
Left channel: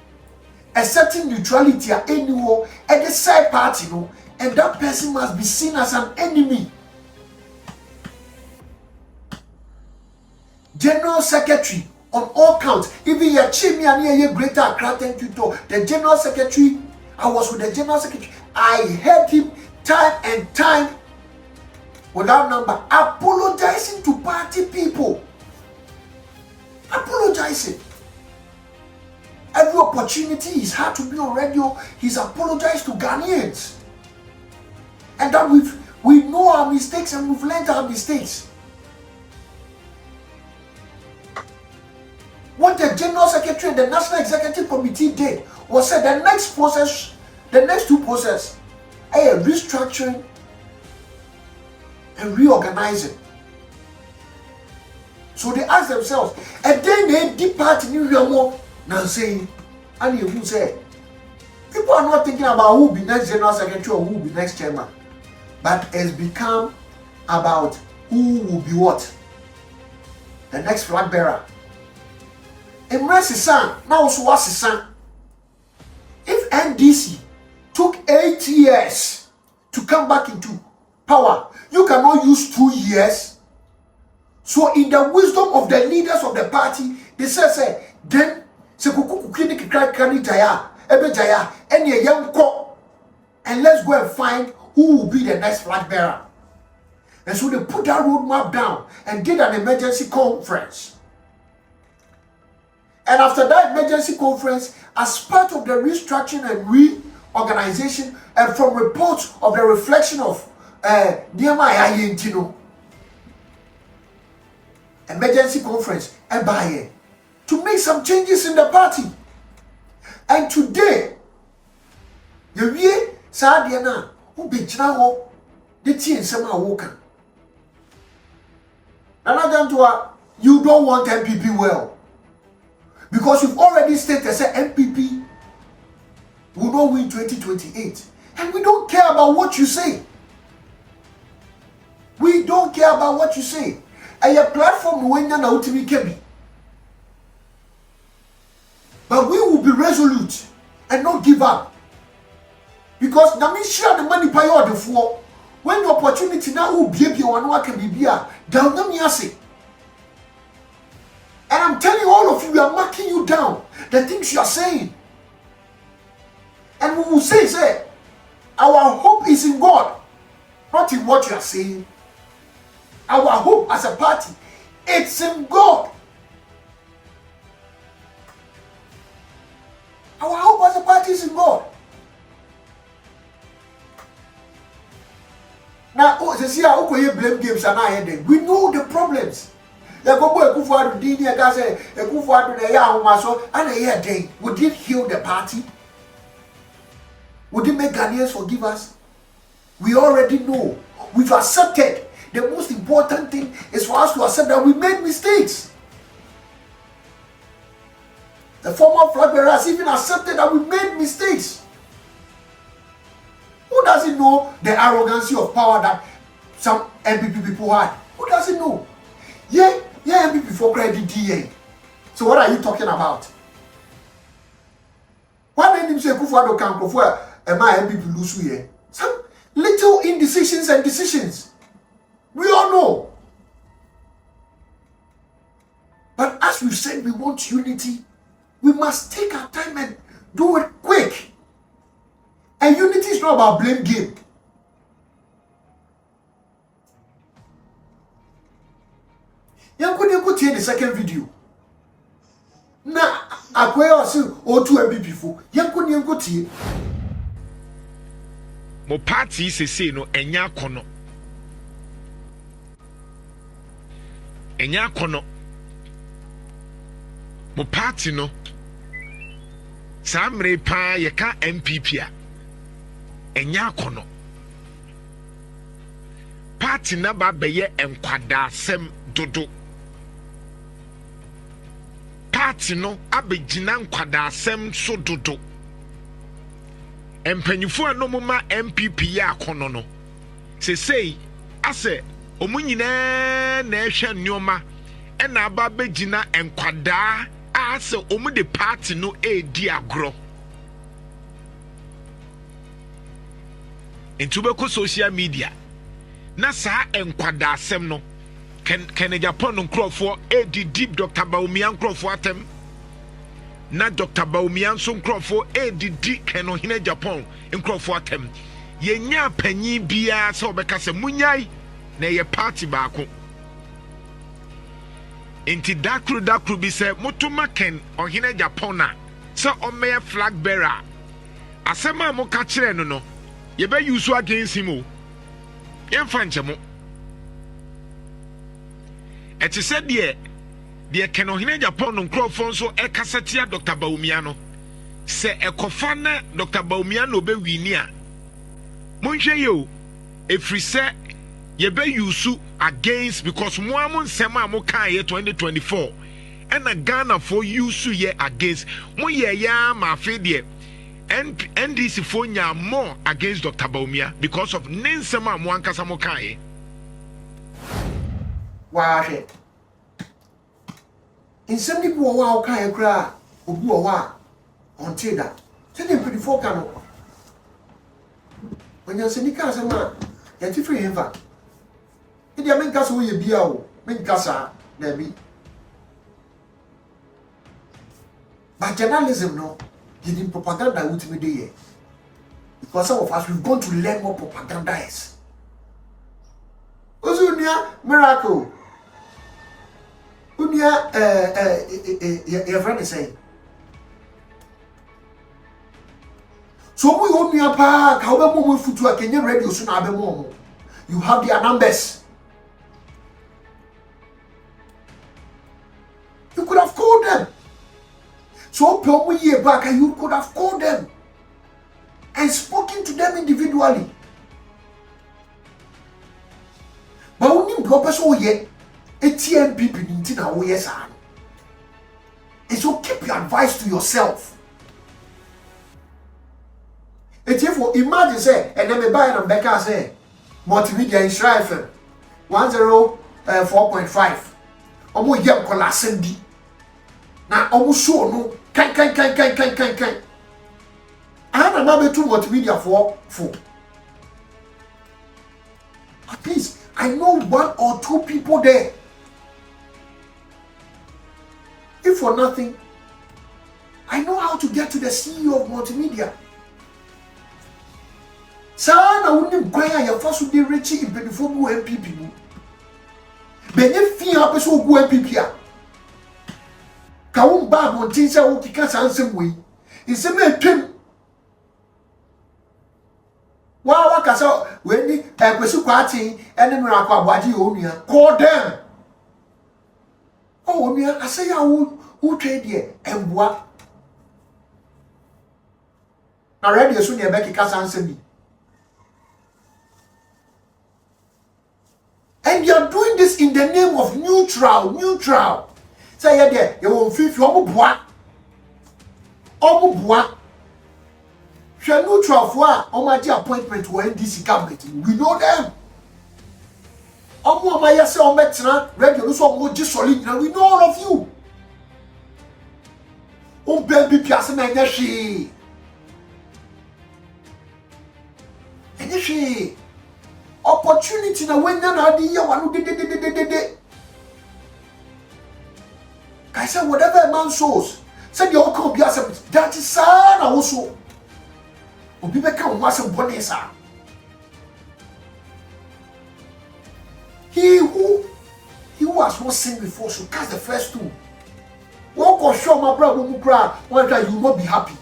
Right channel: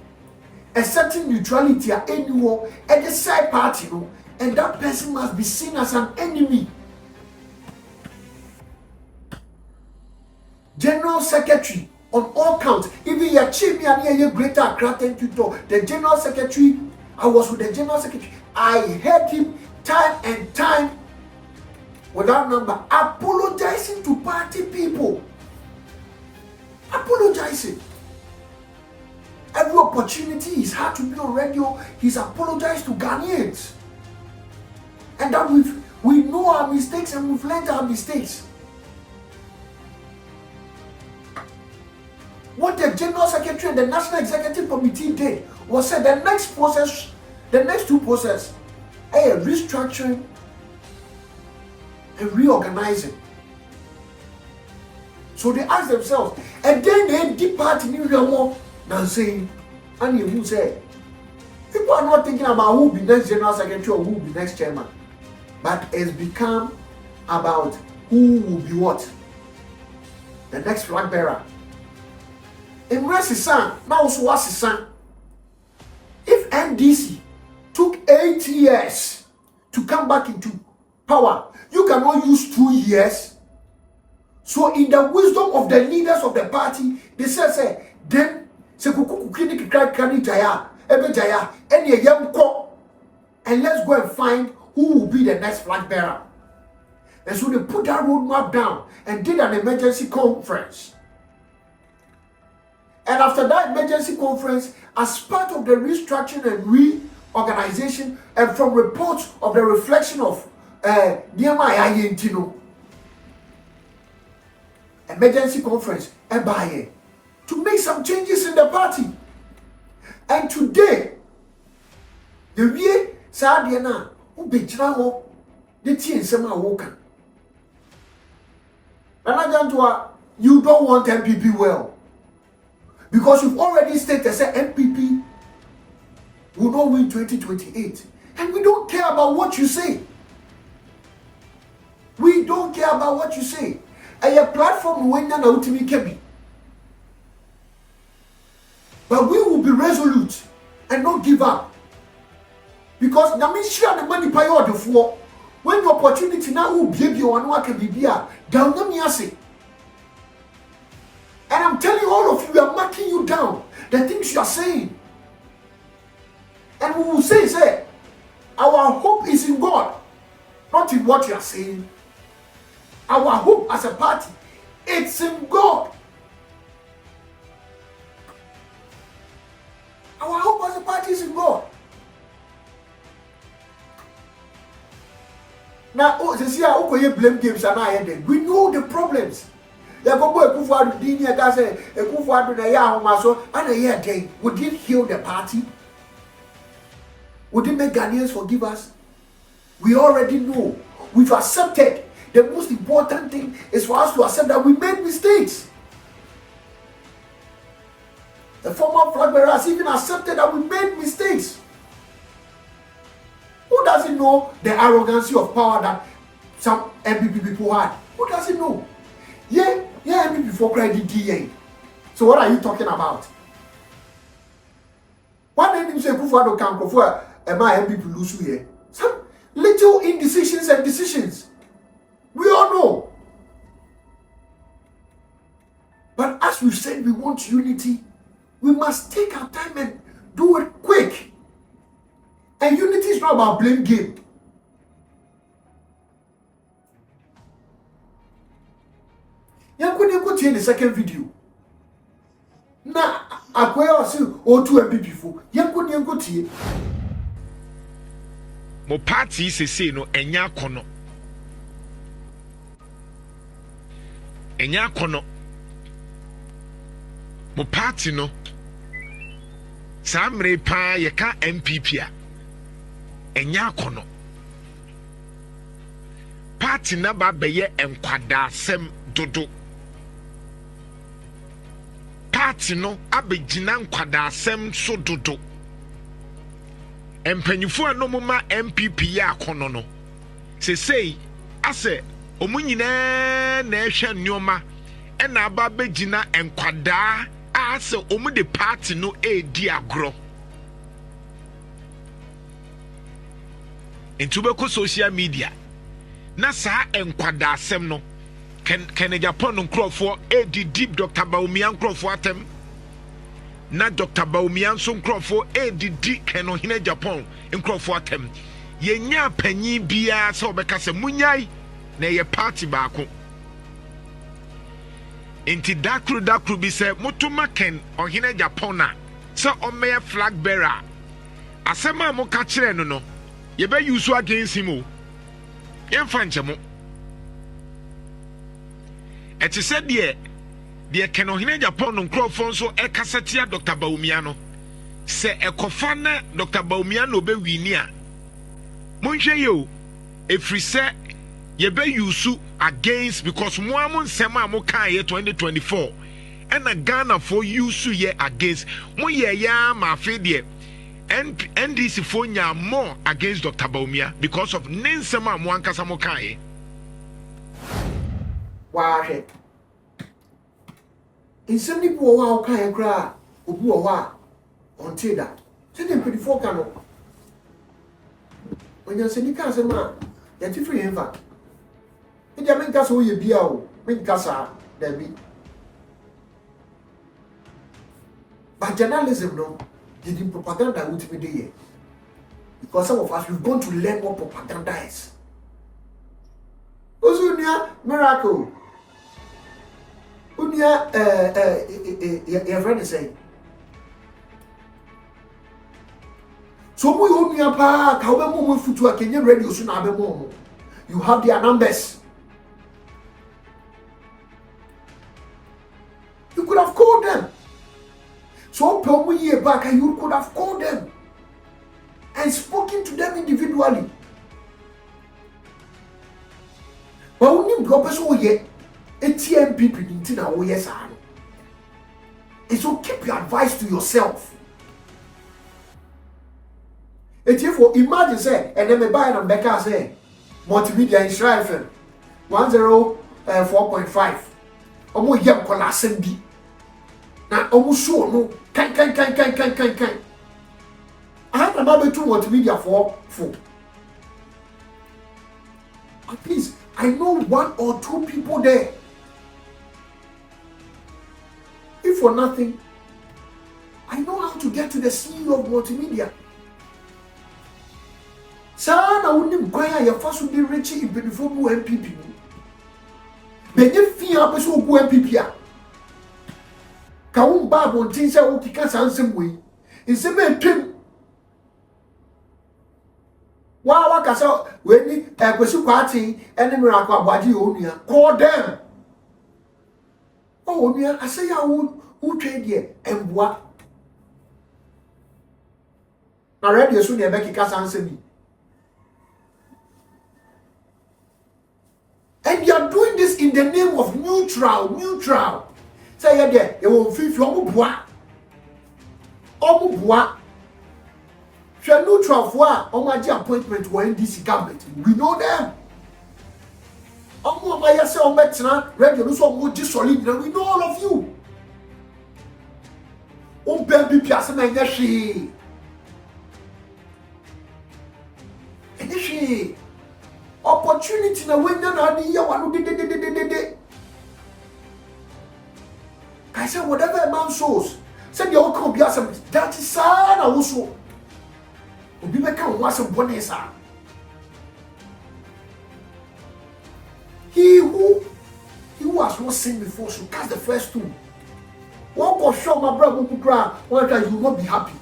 a certain neutrality at anywhere at the side party, no, and that person must be seen as an enemy. General Secretary on all counts, even your chief and your greater Accra, thank you to the General Secretary. I was with the General Secretary. I heard him time and time without number apologizing to party people. Apologizing. Every opportunity he's had to be on radio, he's apologized to Ghanaians. And that we know our mistakes and we've learned our mistakes. What the General Secretary and the National Executive Committee did was said the next two processes, restructuring and reorganizing. So they ask themselves, and then they depart in New now saying, and you will say, people are not thinking about who will be next General Secretary or who will be next chairman, but it's become about who will be what? The next flag bearer. Imresisan, now so wasisan. If NDC took 8 years to come back into power, you cannot use 2 years. So in the wisdom of the leaders of the party, they say, then se kuku kini kani jaya, ebe jaya, and ye young ko, and let's go and find who will be the next flag bearer. And so they put that roadmap down and did an emergency conference. And after that emergency conference, as part of the restructuring and reorganization, and from reports of the reflection of emergency conference, to make some changes in the party. And today, the way Sadiana, who be Chinaho, the tea and some are woken. You don't want MPP well. Because you've already stated that MPP will not win 2028. And we don't care about what you say. We don't care about what you say. And your platform will not wontumi kebi. But we will be resolute and not give up. Because na me share the money pay all the for. When the opportunity now will be able to can be down na me ase. And I'm telling all of you, we are marking you down. The things you are saying. And we will say, our hope is in God, not in what you are saying. Our hope as a party, it's in God. Our hope as a party is in God. Now, they see how we blame games and I we know the problems. Ya go Akufo-Addo did here that say Akufo-Addo na ya homaso and here day would it heal the party? Would it make Ghanaians forgive us? We already know. We've accepted. The most important thing is for us to accept that we made mistakes. The former flag bearer has even accepted that we made mistakes. Who Who doesn't know the arrogancy of power that some MPP people had? Who doesn't know? Yeah, MPP for credit DA. So what are you talking about? Why didn't you say Akufo-Addo can go for my MPP lose here? Some little indecisions and decisions. We all know. But as we said, we want unity. We must take our time and do it quick. And unity is not about blame game. You could see the second video. Na akwai osi otu MPP fo. You could see. Mo party say no enya kono. Enya kono. Mo party no. Samre pa ye ka MPP a. Enya kono. Party na ba beye enkwada sem dodo. Party no abegina nkwada asem so dodo. Empanyifo anomo ma MPP ya akono no. Sesei ase omunyina na ehwe nneoma e na aba begina enkwada ase omu de party no edi agro. Intubeko social media na saa enkwada asem no Ken Japan nkrofo edi deep Dr. Bawumia nkrofo atem na Dr. Bawumia so nkrofo edi di Ken Ohene Japan nkrofo atem yenya panyi bia se obeka se munyai na ye party baako enti dakru bi se motuma Ken Ohene Japan na se omeye flag bearer asema mo ka kire no ye be use against him o ye fanchemo. Eti said dear Ken Ohene Japan nkrofo so ekasetia Dr. Bawumia no se ekofa na Dr. Bawumia no be wini a monhwe yo efri se ye be use against because mo am nsem a mo kan ye 2024 and a Ghana for use ye against mo ye ya ma fe de NDC for nya more against Dr. Bawumia because of nsem a mo ankasa mo kan ye. Wahwe insem ni bo wa okan ekra obu o wa onte da se dem pedifo ka no onya se ni ka se ma ya ti free enva e dia men ka so ye bia o men ka sa da bi but journalism no giving propaganda wontumi dey here because some of us we've gone to learn what propaganda is. Ozunia miracle. Unia your friend is saying. So we unia pa ka obe mo futu a Kenya radio so na abe mo. You have their numbers. You could have called them. So probably year back you could have called them and spoken to them individually. But only because we ye ATM people in na we yes and so keep your advice to yourself. If for imagine say and then me buy and Becca say multimedia is rifle 104.5. Omo yem kola sendi. Na omo show no kan. I am able to multimedia for. At least I know one or two people there. If for nothing, I know how to get to the CEO of multimedia. Sana wouldn't inquire your first be rich in before go MPP. Benefit up so go MPP. Kaum bab on things I will kick us handsome way. It's a man pim. Wa kasa we ni kwesu kwati ene miracle abadi onua call them. Oh onua ase ya who trade here emboa. Na radio so ne be kika sansemi. And you are doing this in the name of neutral. Say ya there you won't feel omo boa. Hwe neutral for a omaji appointment for NDC government. We know them. Omo amaya se ometra radio so omoji solid. We know all of you. Baby piase na enye hwe. Opportunity na wenya na adi ye wanu de. I said whatever a man sows, said the outcome be as that is sad also. Obi be kan wa some bonesa. He who has not sinned before should cast the first stone. What go show my brother who cry, one time you will not be happy.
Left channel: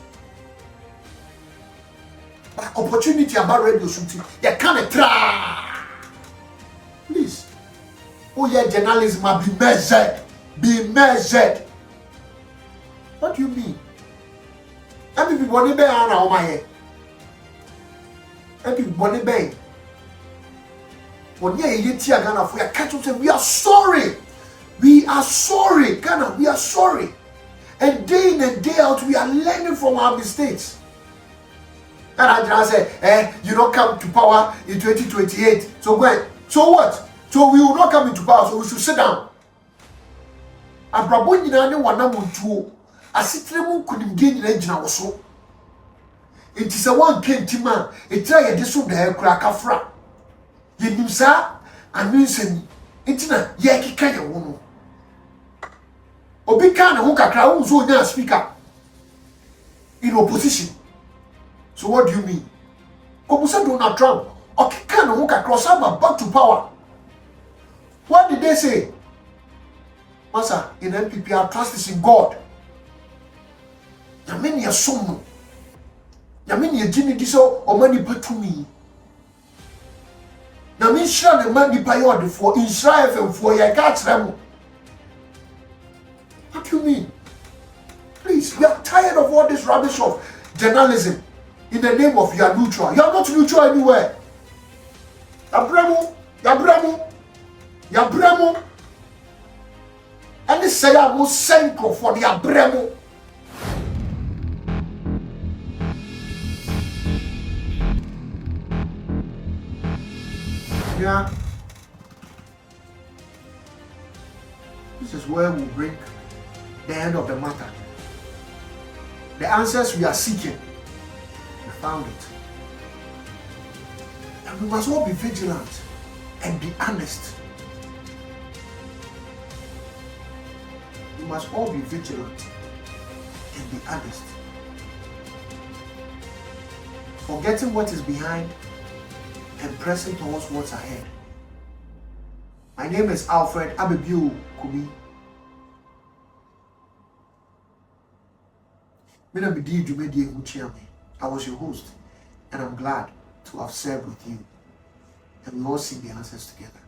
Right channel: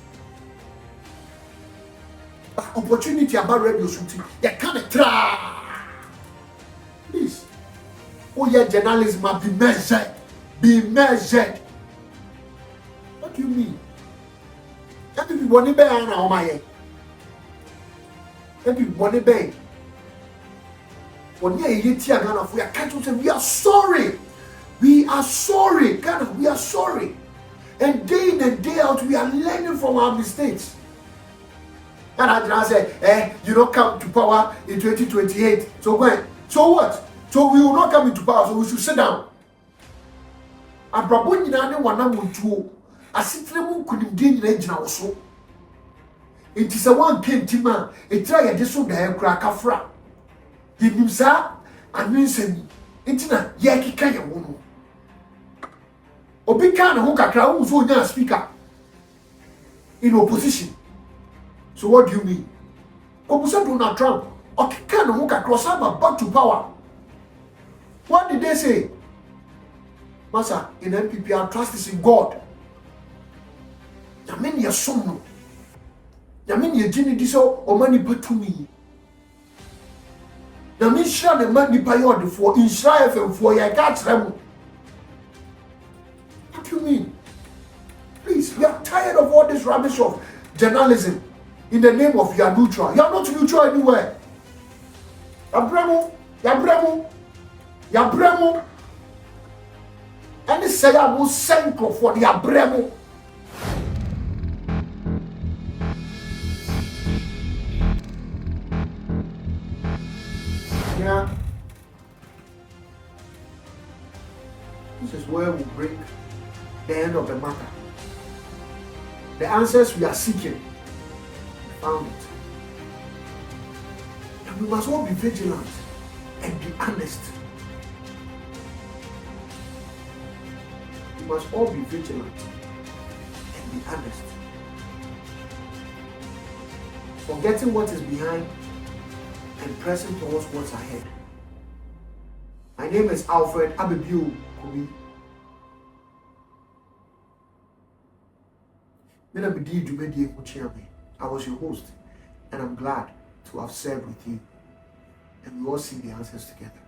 But opportunity about radio shooting, you can't try. Please. Oh yeah, journalism must be measured. Be measured. What do you mean? Every body bang on my head. Every body bang. When you hear Ghana, we are catching say we are sorry. We are sorry, Ghana. We are sorry. And day in and day out, we are learning from our mistakes. And I say, you don't come to power in 2028. So when? So what? So we will not come into power. So we should sit down. Abrabo nyina ne wana montuo asitire mu kunimdie nyina gina wo so enti se wan kentima etira ye de so da ekura kafra ye nimsa anwensani enti na ye kika ye wo no obi kan ho kakra wo so nya speaker in opposition. So what do you mean? Obusa Donald Trump okika ne ho kakra so about to power. What did they say? Master, in MPP, our trust is in God. Yamini ya sono. Yamini ya jini diso omani betumi. Yamini shira ne mani payode for Insha FM for ya catch them. What do you mean? Please, we are tired of all this rubbish of journalism in the name of you are neutral. You are not neutral anywhere. Yabremo. And say I will send for the abremo. Yeah. This is where we bring the end of the matter. The answers we are seeking, we found it. And we must all be vigilant and be honest. We must all be vigilant and be honest. Forgetting what is behind and pressing towards what's ahead. My name is Alfred Abebiu Kubi. I was your host, and I'm glad to have served with you. And we all see the answers together.